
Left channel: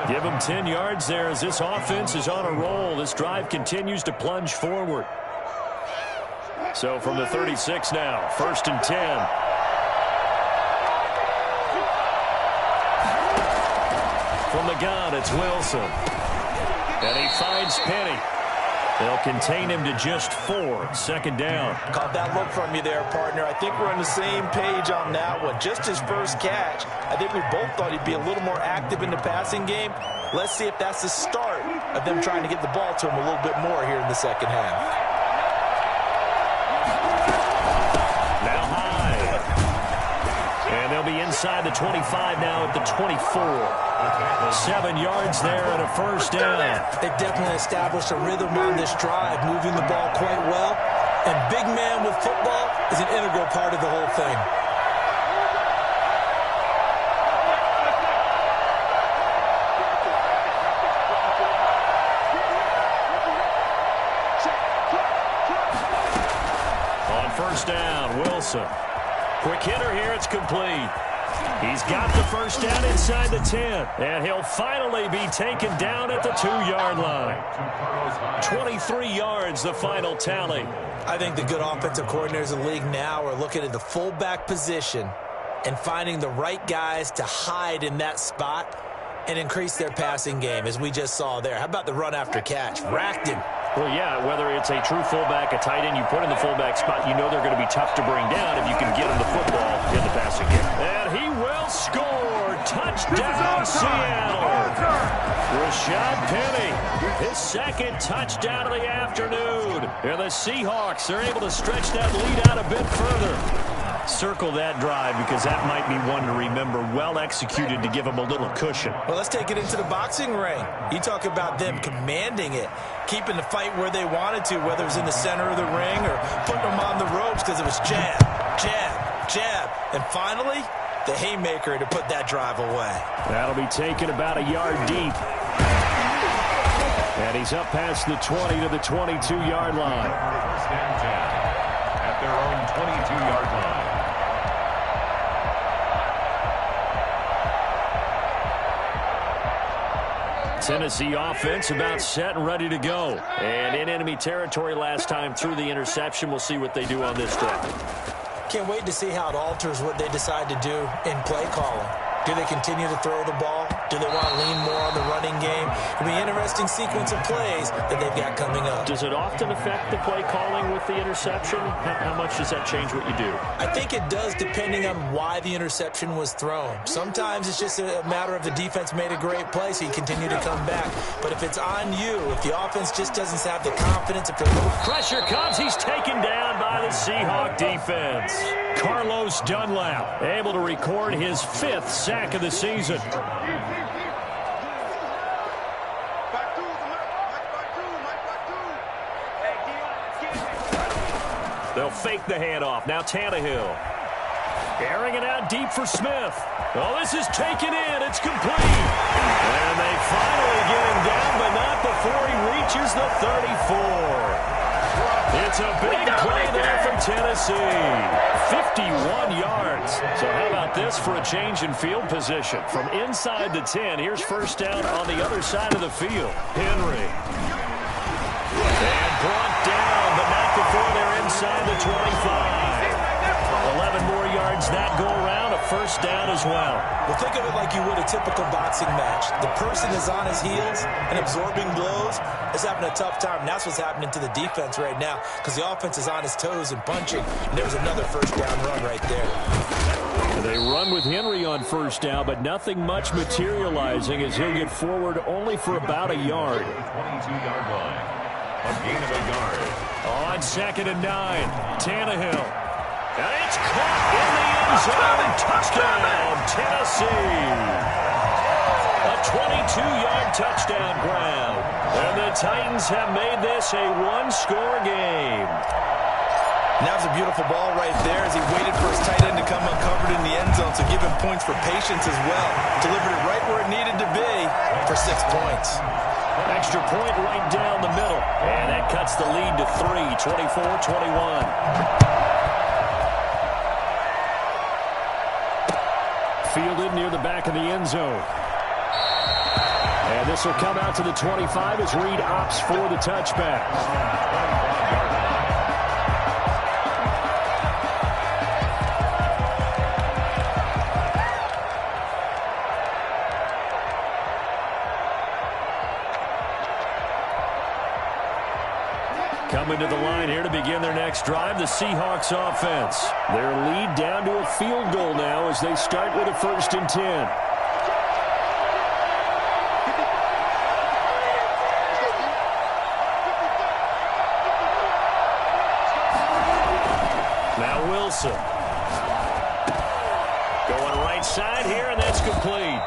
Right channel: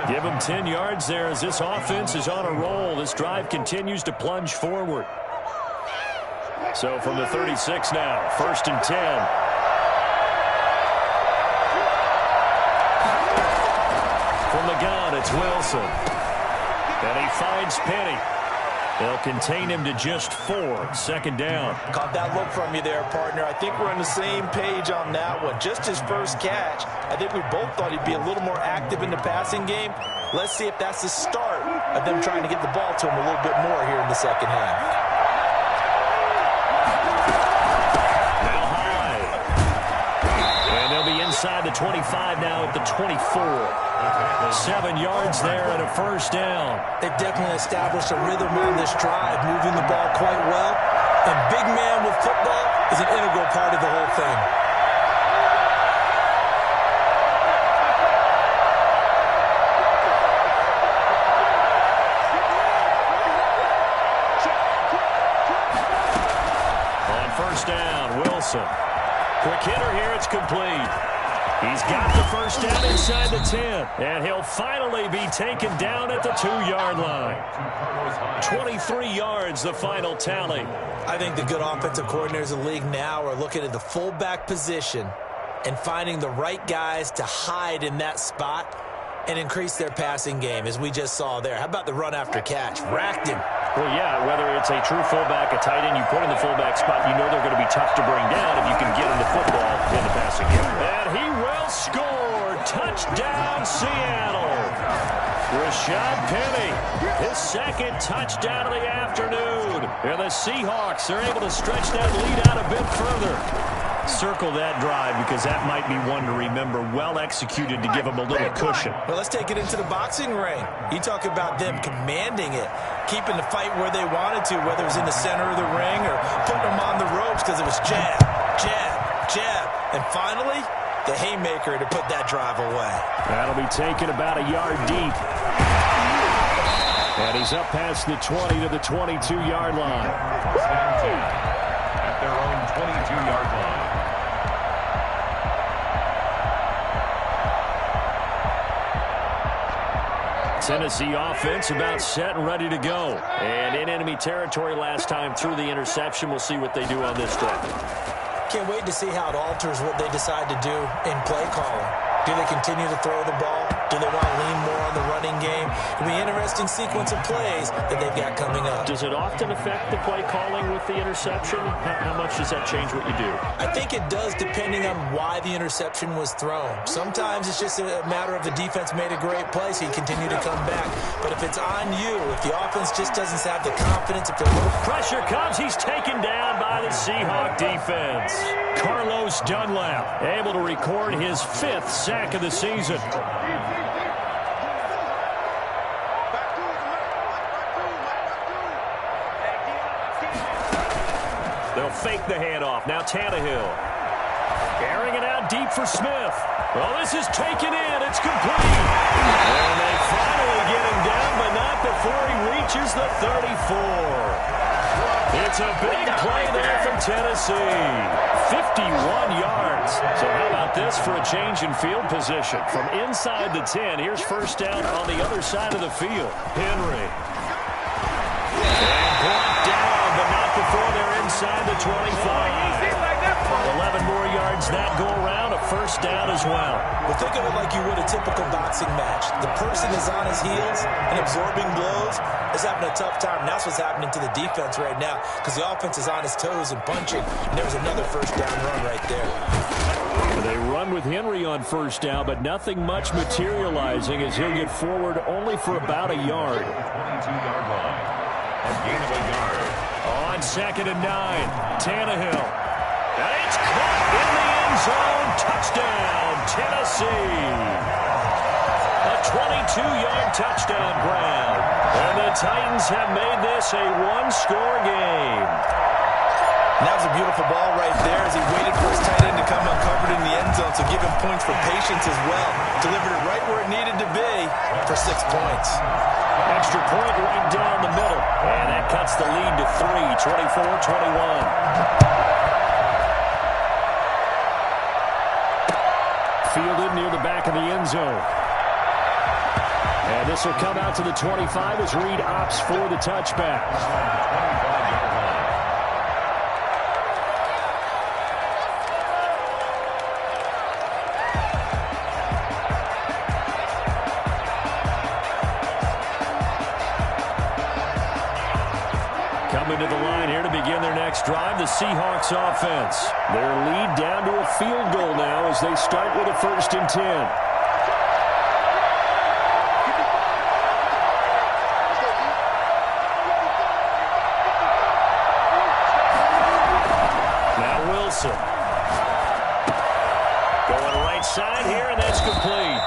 Give him 10 yards there as this offense is on a roll. This drive continues to plunge forward. So from the 36 now, 1st and 10. From the gun, it's Wilson. And he finds Penny. They'll contain him to just 4. 2nd down. Caught that look from you there, partner. I think we're on the same page on that one. Just his first catch. I think we both thought he'd be a little more active in the passing game. Let's see if that's the start of them trying to get the ball to him a little bit more here in the second half. Now high. And they'll be inside the 25 now at the 24. 7 yards there and a first down. They've definitely established a rhythm on this drive, moving the ball quite well. And big man with football is an integral part of the whole thing. first down. Wilson. Quick hitter here. It's complete. He's got the first down inside the 10. And he'll finally be taken down at the 2-yard line. 23 yards, the final tally. I think the good offensive coordinators in the league now are looking at the fullback position and finding the right guys to hide in that spot and increase their passing game, as we just saw there. How about the run after catch? Racked him. Well, yeah, whether it's a true fullback, a tight end, you put in the fullback spot, you know they're going to be tough to bring down if you can get him the football in the passing game. And he will score. Touchdown, Seattle. Rashad Penny, his second touchdown of the afternoon. And the Seahawks are able to stretch that lead out a bit further. Circle that drive because that might be one to remember. Well executed to give them a little cushion. Well, let's take it into the boxing ring. You talk about them commanding it, keeping the fight where they wanted to, whether it was in the center of the ring or putting them on the ropes because it was jab, jab, jab. And finally, the haymaker to put that drive away. That'll be taken about a yard deep. And he's up past the 20 to the 22-yard line. Stand 10 at their own 22-yard line. Tennessee offense about set and ready to go. And in enemy territory last time through the interception. We'll see what they do on this drive. Can't wait to see how it alters what they decide to do in play calling. Do they continue to throw the ball? Do they want to lean more on the running game? It'll be an interesting sequence of plays that they've got coming up. Does it often affect the play calling with the interception? How much does that change what you do? I think it does, depending on why the interception was thrown. Sometimes it's just a matter of the defense made a great play, so you continue to come back. But if it's on you, if the offense just doesn't have the confidence, if they're a little... Pressure comes. He's taken down by the Seahawk defense. Carlos Dunlap able to record his 5th sack of the season. They'll fake the handoff. Now Tannehill. Airing it out deep for Smith. Well, this is taken in. It's complete. And they finally get him down, but not before he reaches the 34. It's a big play there from Tennessee. 51 yards. So how about this for a change in field position? From inside the 10, here's first down on the other side of the field. Henry. And brought down, but not before they're inside the 25. 11 more yards that go around, a first down as well. Well, think of it like you would a typical boxing match. The person is on his heels and absorbing blows, is having a tough time. And that's what's happening to the defense right now because the offense is on his toes and punching. And there's another first down run right there. They run with Henry on first down, but nothing much materializing as he'll get forward only for about a yard. 22-yard line. A gain of a yard. On 2nd and 9, Tannehill. And it's caught in the end zone. Touchdown, Tennessee. A 22-yard touchdown grab. And the Titans have made this a one-score game. And that was a beautiful ball right there as he waited for his tight end to come uncovered in the end zone. So give him points for patience as well. Delivered it right where it needed to be for 6 points. Extra point right down the middle. And that cuts the lead to 3, 24-21. Fielded near the back of the end zone. And this will come out to the 25 as Reed opts for the touchback. 25-yard line. Coming to the line here to begin their next drive, the Seahawks offense. Their lead down to a field goal now as they start with a 1st and 10. Now Wilson. Going right side here, and that's complete.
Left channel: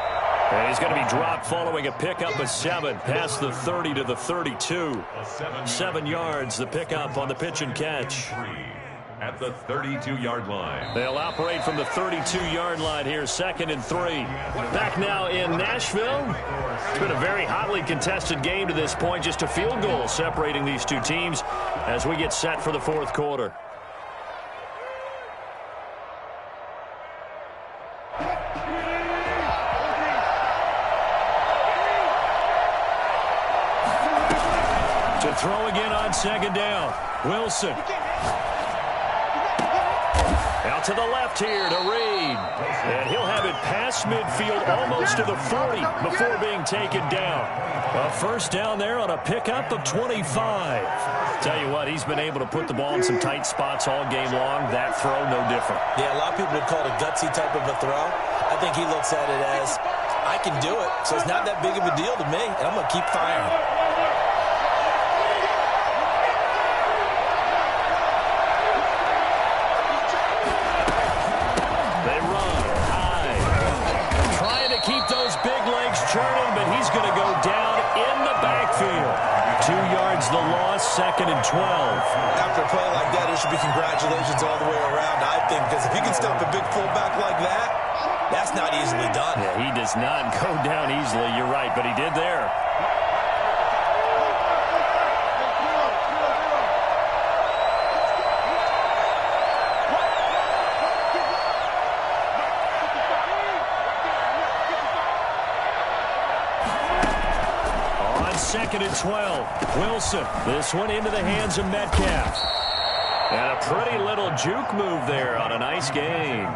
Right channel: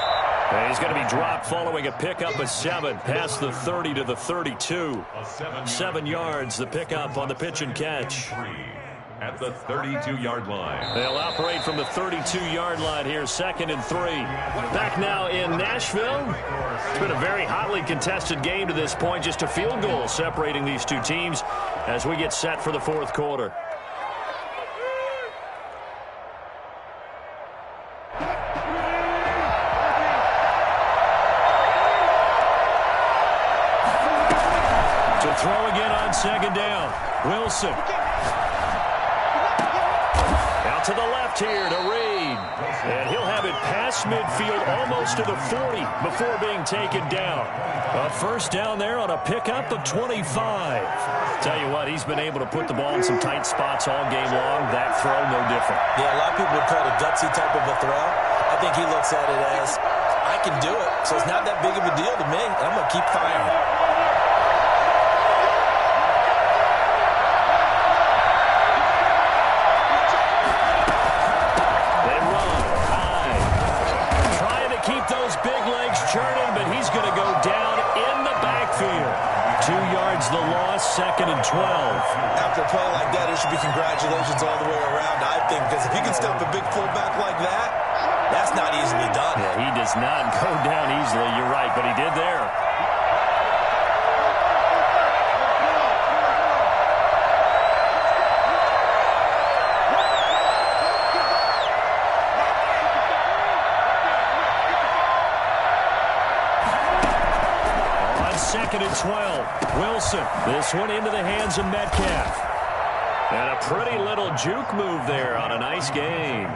And he's going to be dropped following a pickup of 7 past the 30 to the 32. 7 yards, the pickup on the pitch and catch. At the 32-yard line. They'll operate from the 32-yard line here, 2nd and 3. Back now in Nashville. It's been a very hotly contested game to this point. Just a field goal separating these two teams as we get set for the 4th quarter. throw again on second down. Wilson. Out to the left here to Reed. And he'll have it past midfield almost to the 40 before being taken down. A first down there on a pickup of 25. Tell you what, he's been able to put the ball in some tight spots all game long. That throw, no different. Yeah, a lot of people would call it a gutsy type of a throw. I think he looks at it as, I can do it, so it's not that big of a deal to me, and I'm going to keep firing. Churning, but he's going to go down in the backfield. 2 yards the loss, 2nd and 12. After a play like that, it should be congratulations all the way around, I think, because if you can stop a big fullback like that, that's not easily done. Yeah, he does not go down easily, you're right, but he did there. Second and 12. Wilson. This one into the hands of Metcalf. And a pretty little juke move there on a nice game.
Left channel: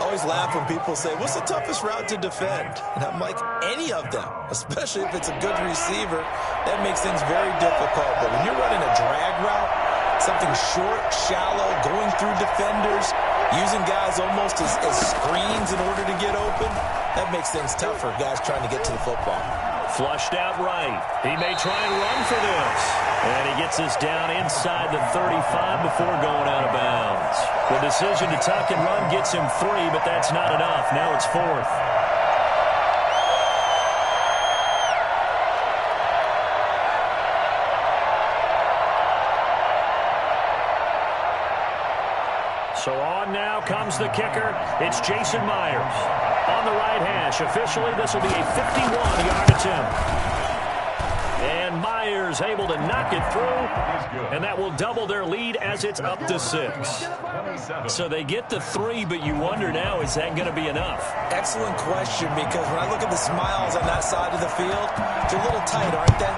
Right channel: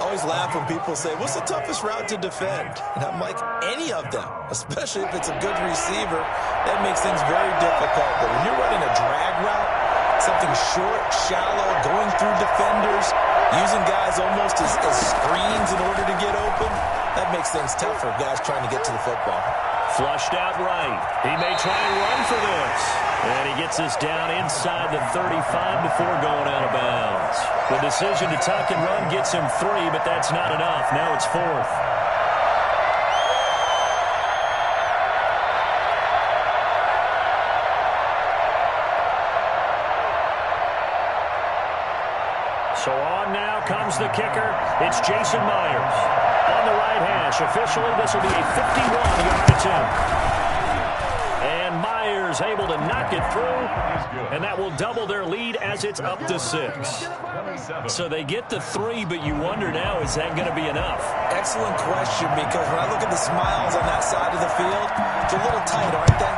Always laugh when people say, what's the toughest route to defend? And I'm like, any of them, especially if it's a good receiver. That makes things very difficult. But when you're running a drag route, something short, shallow, going through defenders, using guys almost as screens in order to get open, that makes things tough for guys trying to get to the football. Flushed out right. He may try and run for this. And he gets this down inside the 35 before going out of bounds. The decision to tuck and run gets him 3, but that's not enough. Now it's 4th. So on now comes the kicker. It's Jason Myers. On the right hash. Officially, this will be a 51-yard attempt. And Myers able to knock it through. And that will double their lead as it's up to 6. So they get to 3, but you wonder now, is that going to be enough? Excellent question, because when I look at the smiles on that side of the field, they're a little tight, aren't they?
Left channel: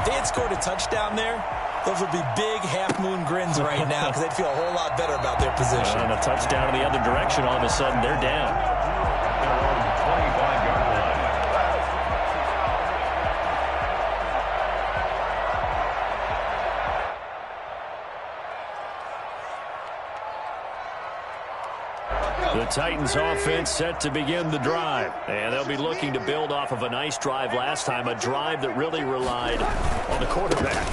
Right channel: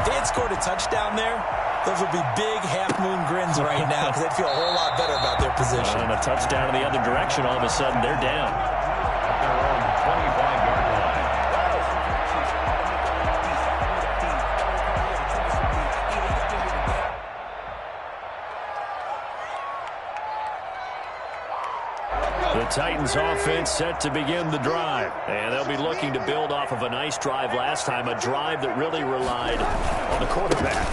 If they had scored a touchdown there, those would be big half-moon grins right now because they'd feel a whole lot better about their position. And a touchdown in the other direction, all of a sudden they're down. At their own 25-yard line. The Titans offense set to begin the drive. And they'll be looking to build off of a nice drive last time, a drive that really relied on the quarterback.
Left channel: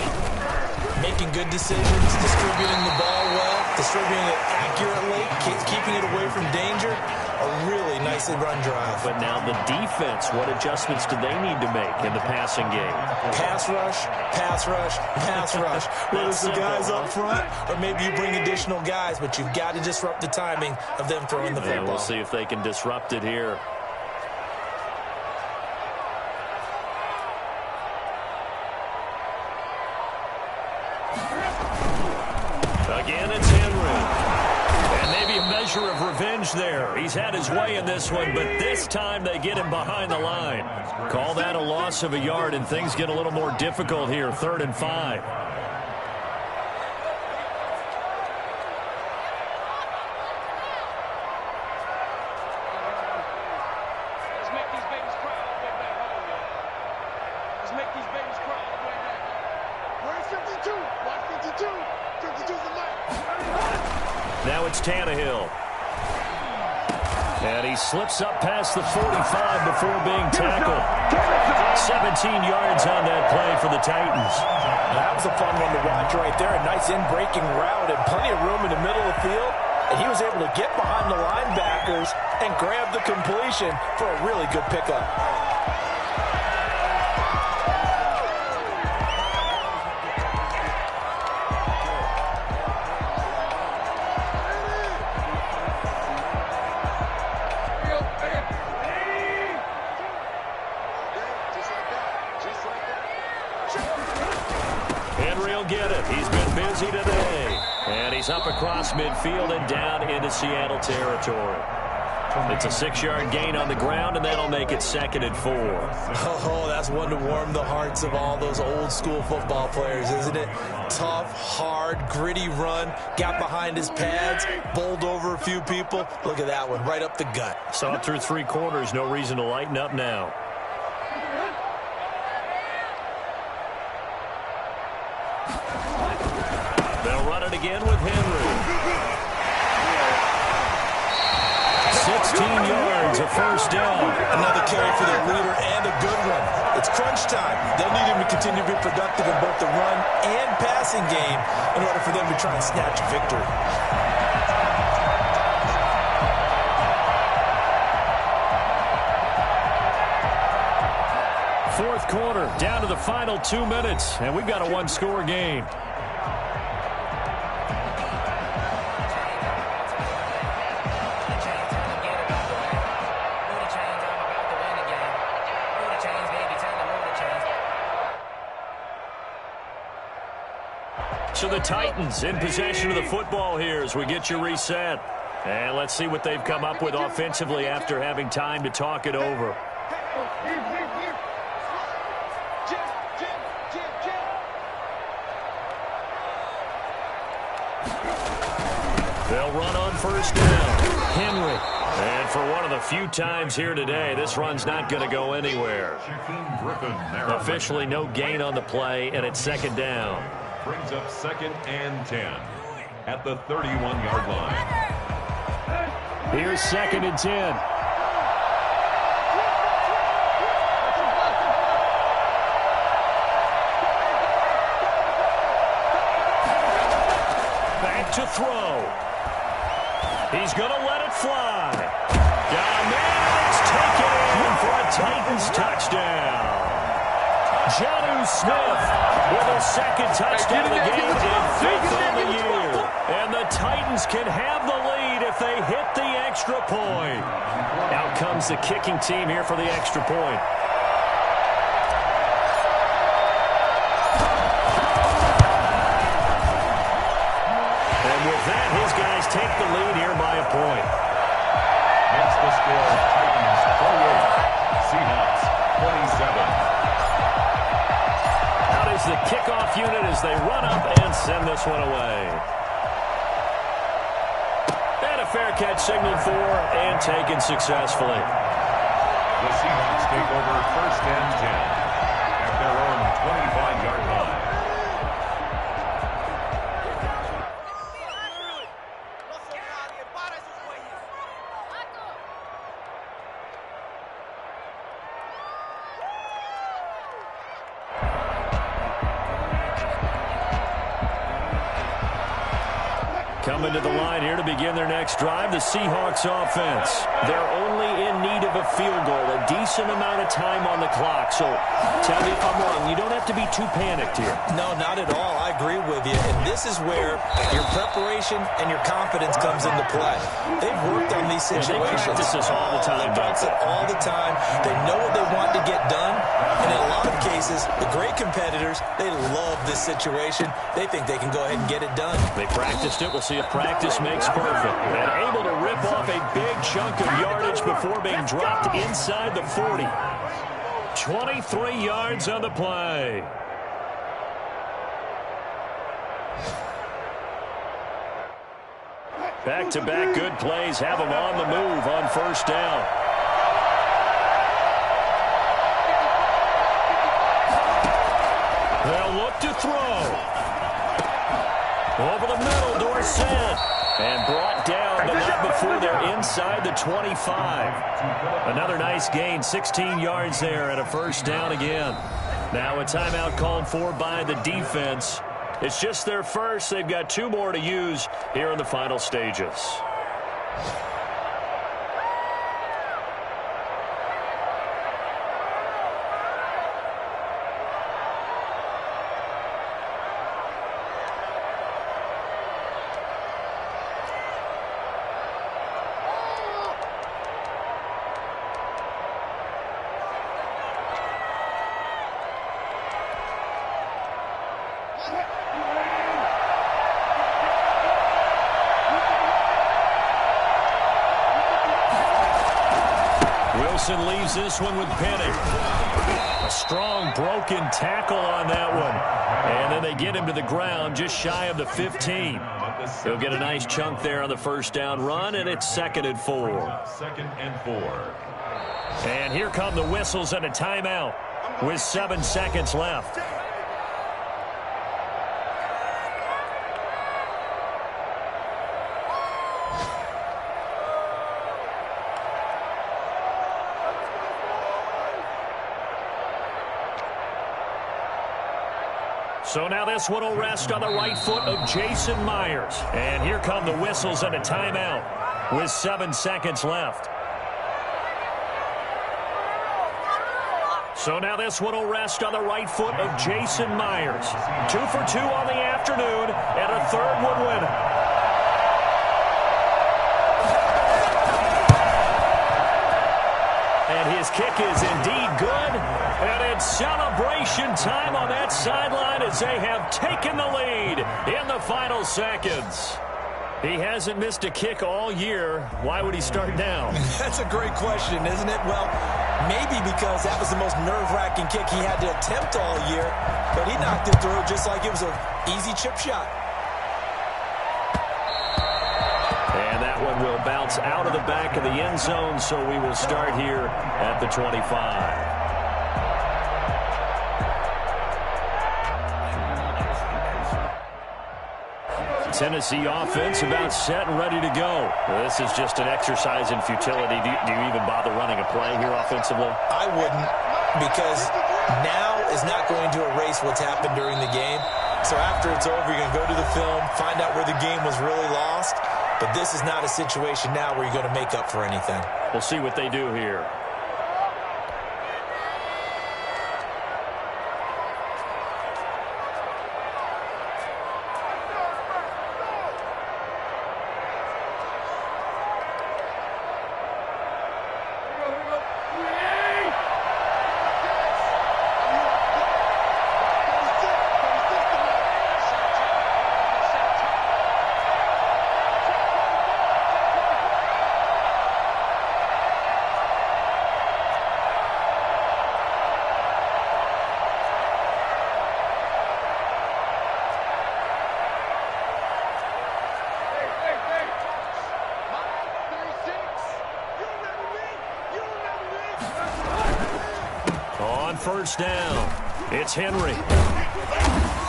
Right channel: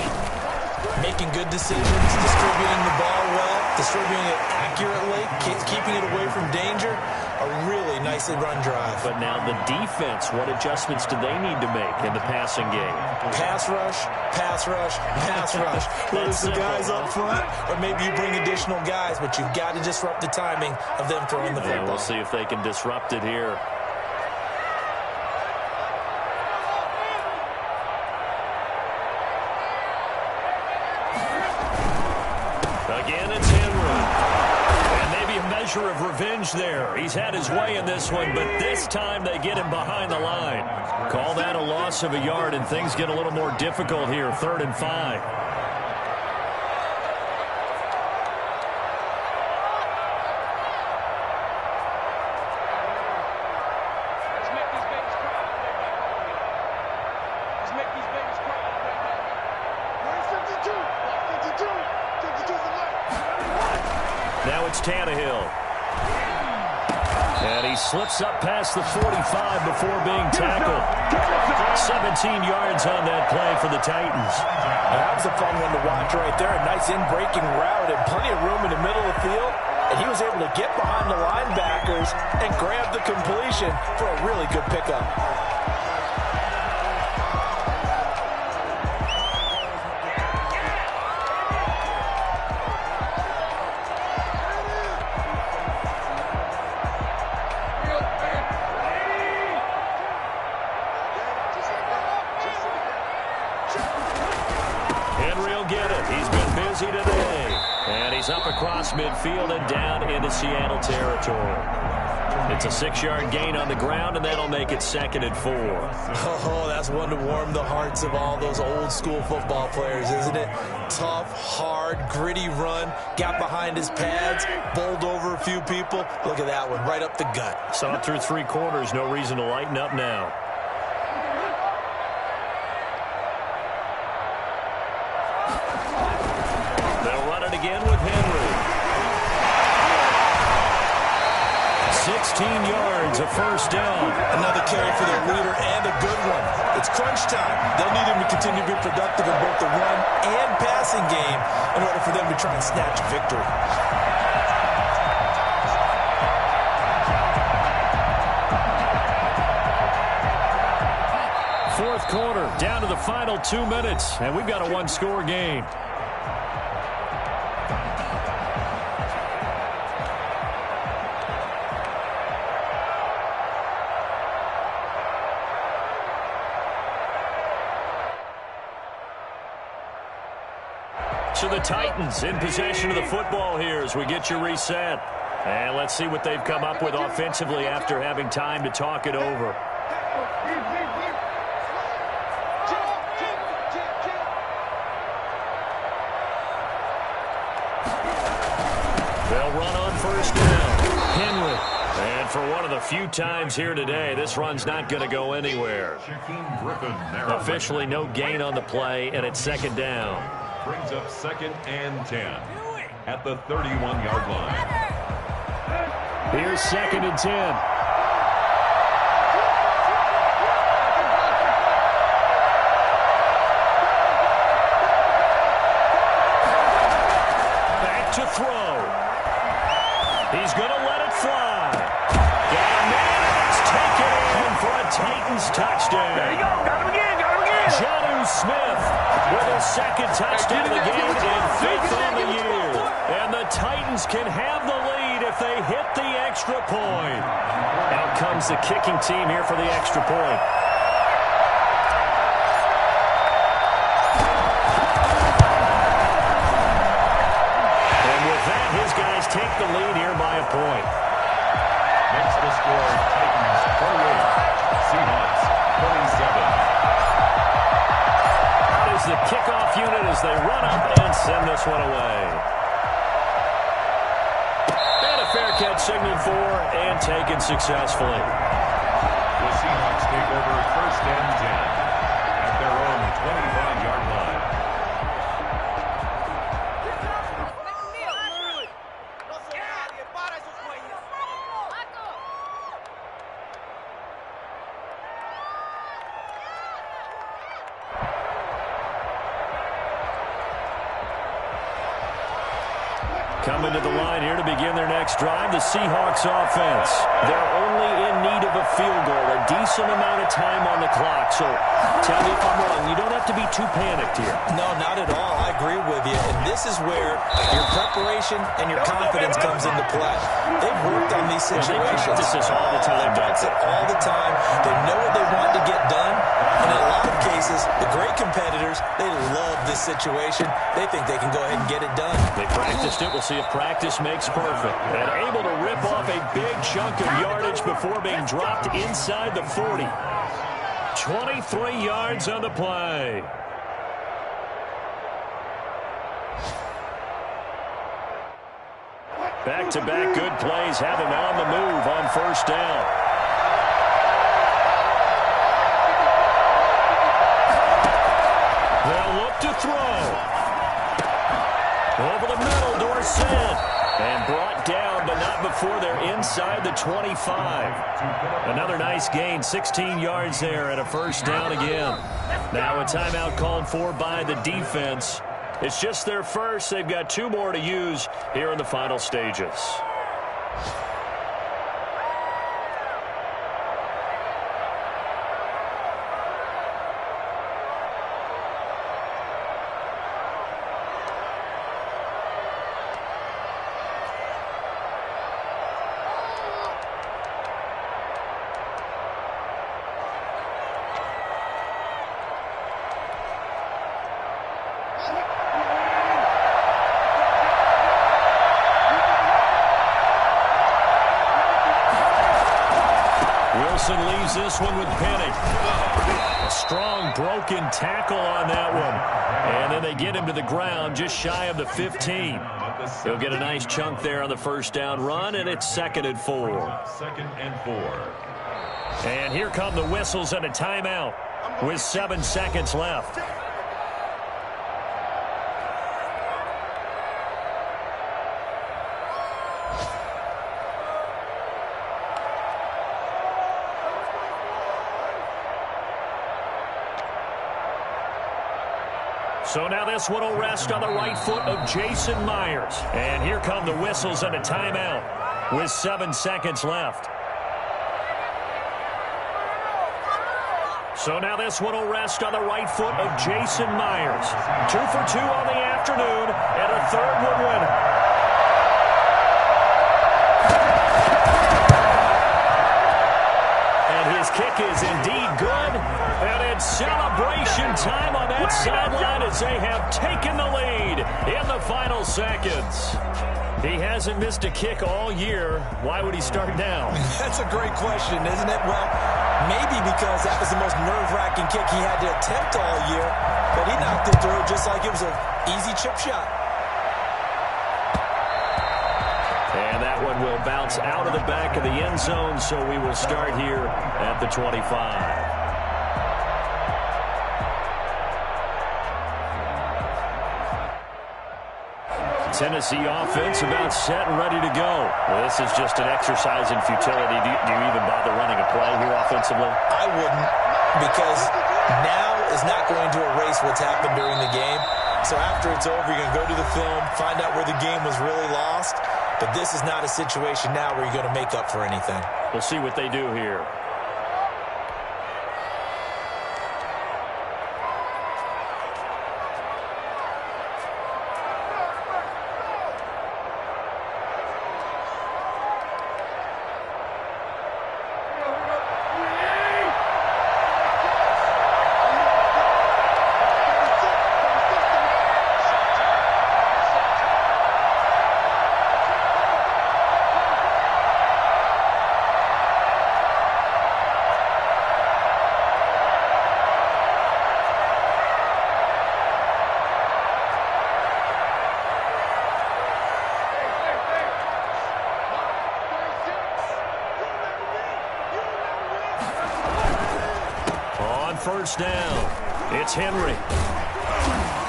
Making good decisions, distributing the ball well, distributing it accurately, keeping it away from danger. A really nicely run drive. But now the defense, what adjustments do they need to make in the passing game? Pass rush, pass rush, pass rush. Whether it's the guys up front or maybe you bring additional guys, but you've got to disrupt the timing of them throwing the football. We'll see if they can disrupt it here. Again, it's Henry. And maybe a measure of revenge there. He's had his way in this one, but this time they get him behind the line. Call that a loss of a yard, and things get a little more difficult here. 3rd and 5. Let's make these babies cry all the way back home, y'all. Let's make these babies cry all the way back home. Where's 52? Watch 52. 52's the mic. Now it's Tannehill. And he slips up past the 45 before being tackled. 17 yards on that play for the Titans. That was a fun one to watch right there. A nice in-breaking route and plenty of room in the middle of the field. And he was able to get behind the linebackers and grab the completion for a really good pickup. Get it. He's been busy today. And he's up across midfield and down into Seattle territory. It's a 6-yard gain on the ground, and that'll make it 2nd and 4. Oh, that's one to warm the hearts of all those old-school football players, isn't it? Tough, hard, gritty run, got behind his pads, bowled over a few people. Look at that one, right up the gut. Saw it through 3 quarters, no reason to lighten up now. They'll run it again with Henry. 16 yards, a first down. Another carry for their leader and a good one. It's crunch time. They'll need him to continue to be productive in both the run and passing game in order for them to try and snatch victory. Fourth quarter, down to the final 2 minutes, and we've got a 1-score game. So the Titans in possession of the football here as we get you reset. And let's see what they've come up with offensively after having time to talk it over. They'll run on first down. Henry. And for one of the few times here today, this run's not going to go anywhere. Officially no gain on the play, and it's 2nd down. Brings up 2nd and 10 at the 31-yard line. Here's 2nd and 10. Back to throw. He's going to let it fly. Got a man, and it's taken in for a Titans touchdown. Jonnu Smith with his 2nd touchdown of the game and 5th on the year. And the Titans can have the lead if they hit the extra point. Out comes the kicking team here for the extra point. And with that, his guys take the lead here by a point. Makes the score Titans 28, Seahawks 27. Out is the kickoff unit as they run up and send this one away. And a fair catch signaled for and taken successfully. The Seahawks take over 1st and 10 at their own 25-yard line. Coming to the line here to begin their next drive, the Seahawks offense. They're only in need of a field goal, a decent amount of time on the clock. So tell me if I'm wrong. You don't have to be too panicked here. No, not at all. I agree with you. And this is where your preparation and your confidence comes into play. They've worked on these situations. They practice this all the time. They practice it all the time. They know what they want to get done. And in a lot of cases, the great competitors, they love this situation. They think they can go ahead and get it done. They practiced it. We'll see if practice makes perfect. And able to rip off a big chunk of yardage before being dropped inside the 40. 23 yards on the play. Back-to-back good plays have them on the move on first down. They'll look to throw. Over the middle, Dorsett. And brought down, but not before they're inside the 25. Another nice gain, 16 yards there and a first down again. Now a timeout called for by the defense. It's just their first. They've got 2 more to use here in the final stages. Wilson leaves this one with Penny. A strong broken tackle on that one. And then they get him to the ground just shy of the 15. He'll get a nice chunk there on the first down run, and it's 2nd and 4. 2nd and 4. And here come the whistles and a timeout with 7 seconds left. So now this one will rest on the right foot of Jason Myers. And here come the whistles and a timeout with 7 seconds left. So now this one will rest on the right foot of Jason Myers. 2 for 2 on the afternoon, and a third would win it. And his kick is indeed good. And it's celebration time on that sideline as they have taken the lead in the final seconds. He hasn't missed a kick all year. Why would he start now? That's a great question, isn't it? Well, maybe because that was the most nerve-wracking kick he had to attempt all year. But he knocked it through just like it was an easy chip shot. And that one will bounce out of the back of the end zone, so we will start here at the 25. Tennessee offense about set and ready to go. Well, this is just an exercise in futility. Do you even bother running a play here offensively? I wouldn't, because now is not going to erase what's happened during the game. So after it's over, you're going to go to the film, find out where the game was really lost. But this is not a situation now where you're going to make up for anything. We'll see what they do here. First down. It's Henry.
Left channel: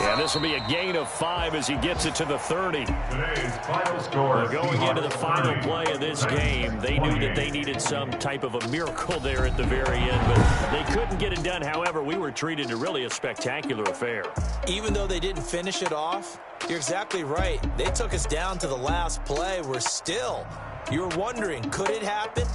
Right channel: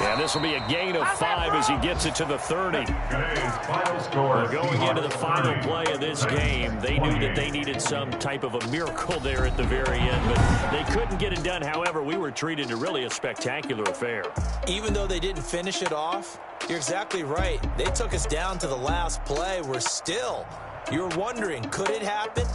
And this will be a gain of 5 as he gets it to the 30. Today's final score. Going into the final play of this game, they knew that they needed some type of a miracle there at the very end, but they couldn't get it done. However, we were treated to really a spectacular affair. Even though they didn't finish it off, you're exactly right. They took us down to the last play. We're still, you're wondering, could it happen?